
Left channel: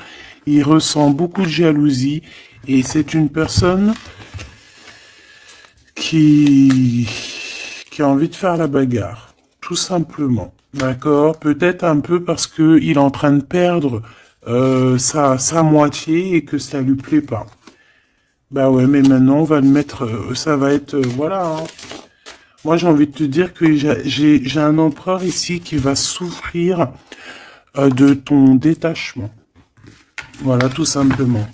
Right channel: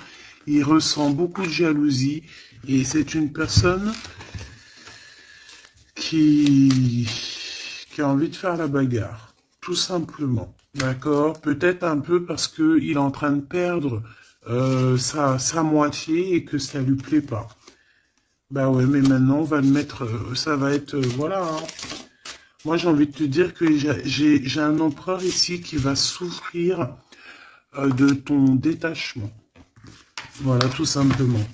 il ressent beaucoup de jalousie, et c'est une personne qui, qui a envie de faire la bagarre, tout simplement. D'accord? Peut-être un peu parce que il est en train de perdre sa moitié et que ça lui plaît pas. Bah ouais, mais maintenant on va le mettre, ça va être, voilà, hein. Moi j'ai envie de te dire que j'ai un empereur ici qui va souffrir de ton détachement. Voilà, tout simplement.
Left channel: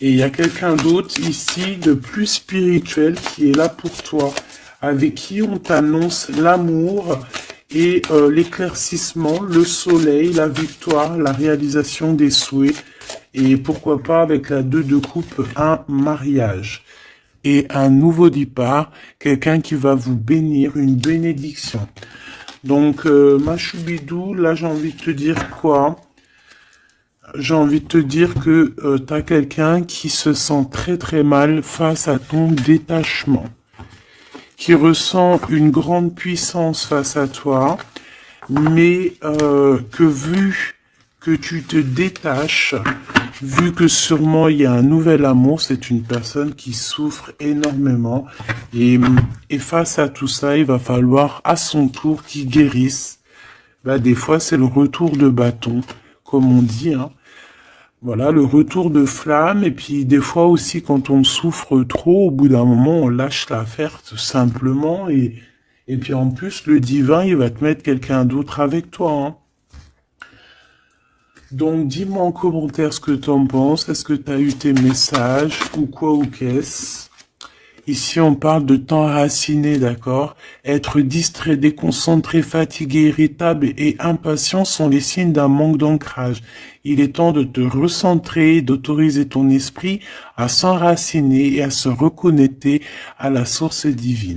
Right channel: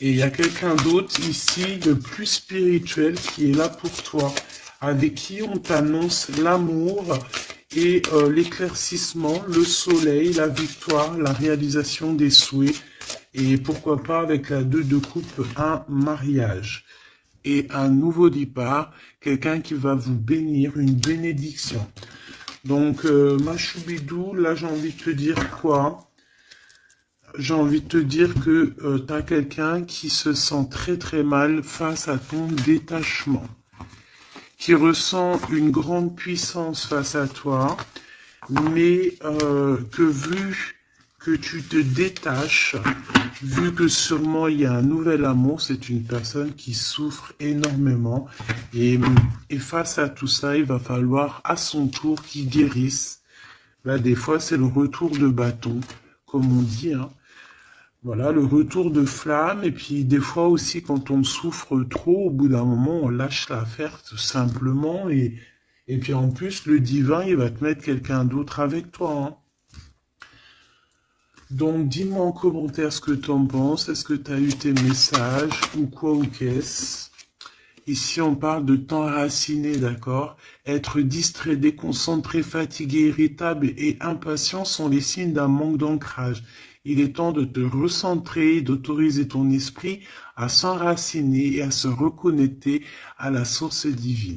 Et il y a quelqu'un d'autre ici de plus spirituel qui est là pour toi, avec qui on t'annonce l'amour et l'éclaircissement, le soleil, la victoire, la réalisation des souhaits, et pourquoi pas avec la 2 de coupe, un mariage et un nouveau départ, quelqu'un qui va vous bénir, une bénédiction. Donc, ma choubidou, là j'ai envie de te dire quoi? J'ai envie de te dire que tu as quelqu'un qui se sent très très mal face à ton détachement, qui ressent une grande puissance face à toi, mais que vu que tu te détaches, vu que sûrement il y a un nouvel amour, c'est une personne qui souffre énormément, et face à tout ça, il va falloir à son tour qu'il guérisse. Là, des fois, c'est le retour de bâton, comme on dit, hein. Voilà, le retour de flamme, et puis des fois aussi quand on souffre trop, au bout d'un moment, on lâche l'affaire tout simplement, et puis en plus, le divin, il va te mettre quelqu'un d'autre avec toi, hein. Donc dis-moi en commentaire ce que tu en penses, est-ce que tu as eu tes messages, ou quoi ou qu'est-ce? Ici, on parle de temps raciné, d'accord? Être distrait, déconcentré, fatigué, irritable et impatient sont les signes d'un manque d'ancrage. Il est temps de te recentrer, d'autoriser ton esprit à s'enraciner et à se reconnecter à la source divine.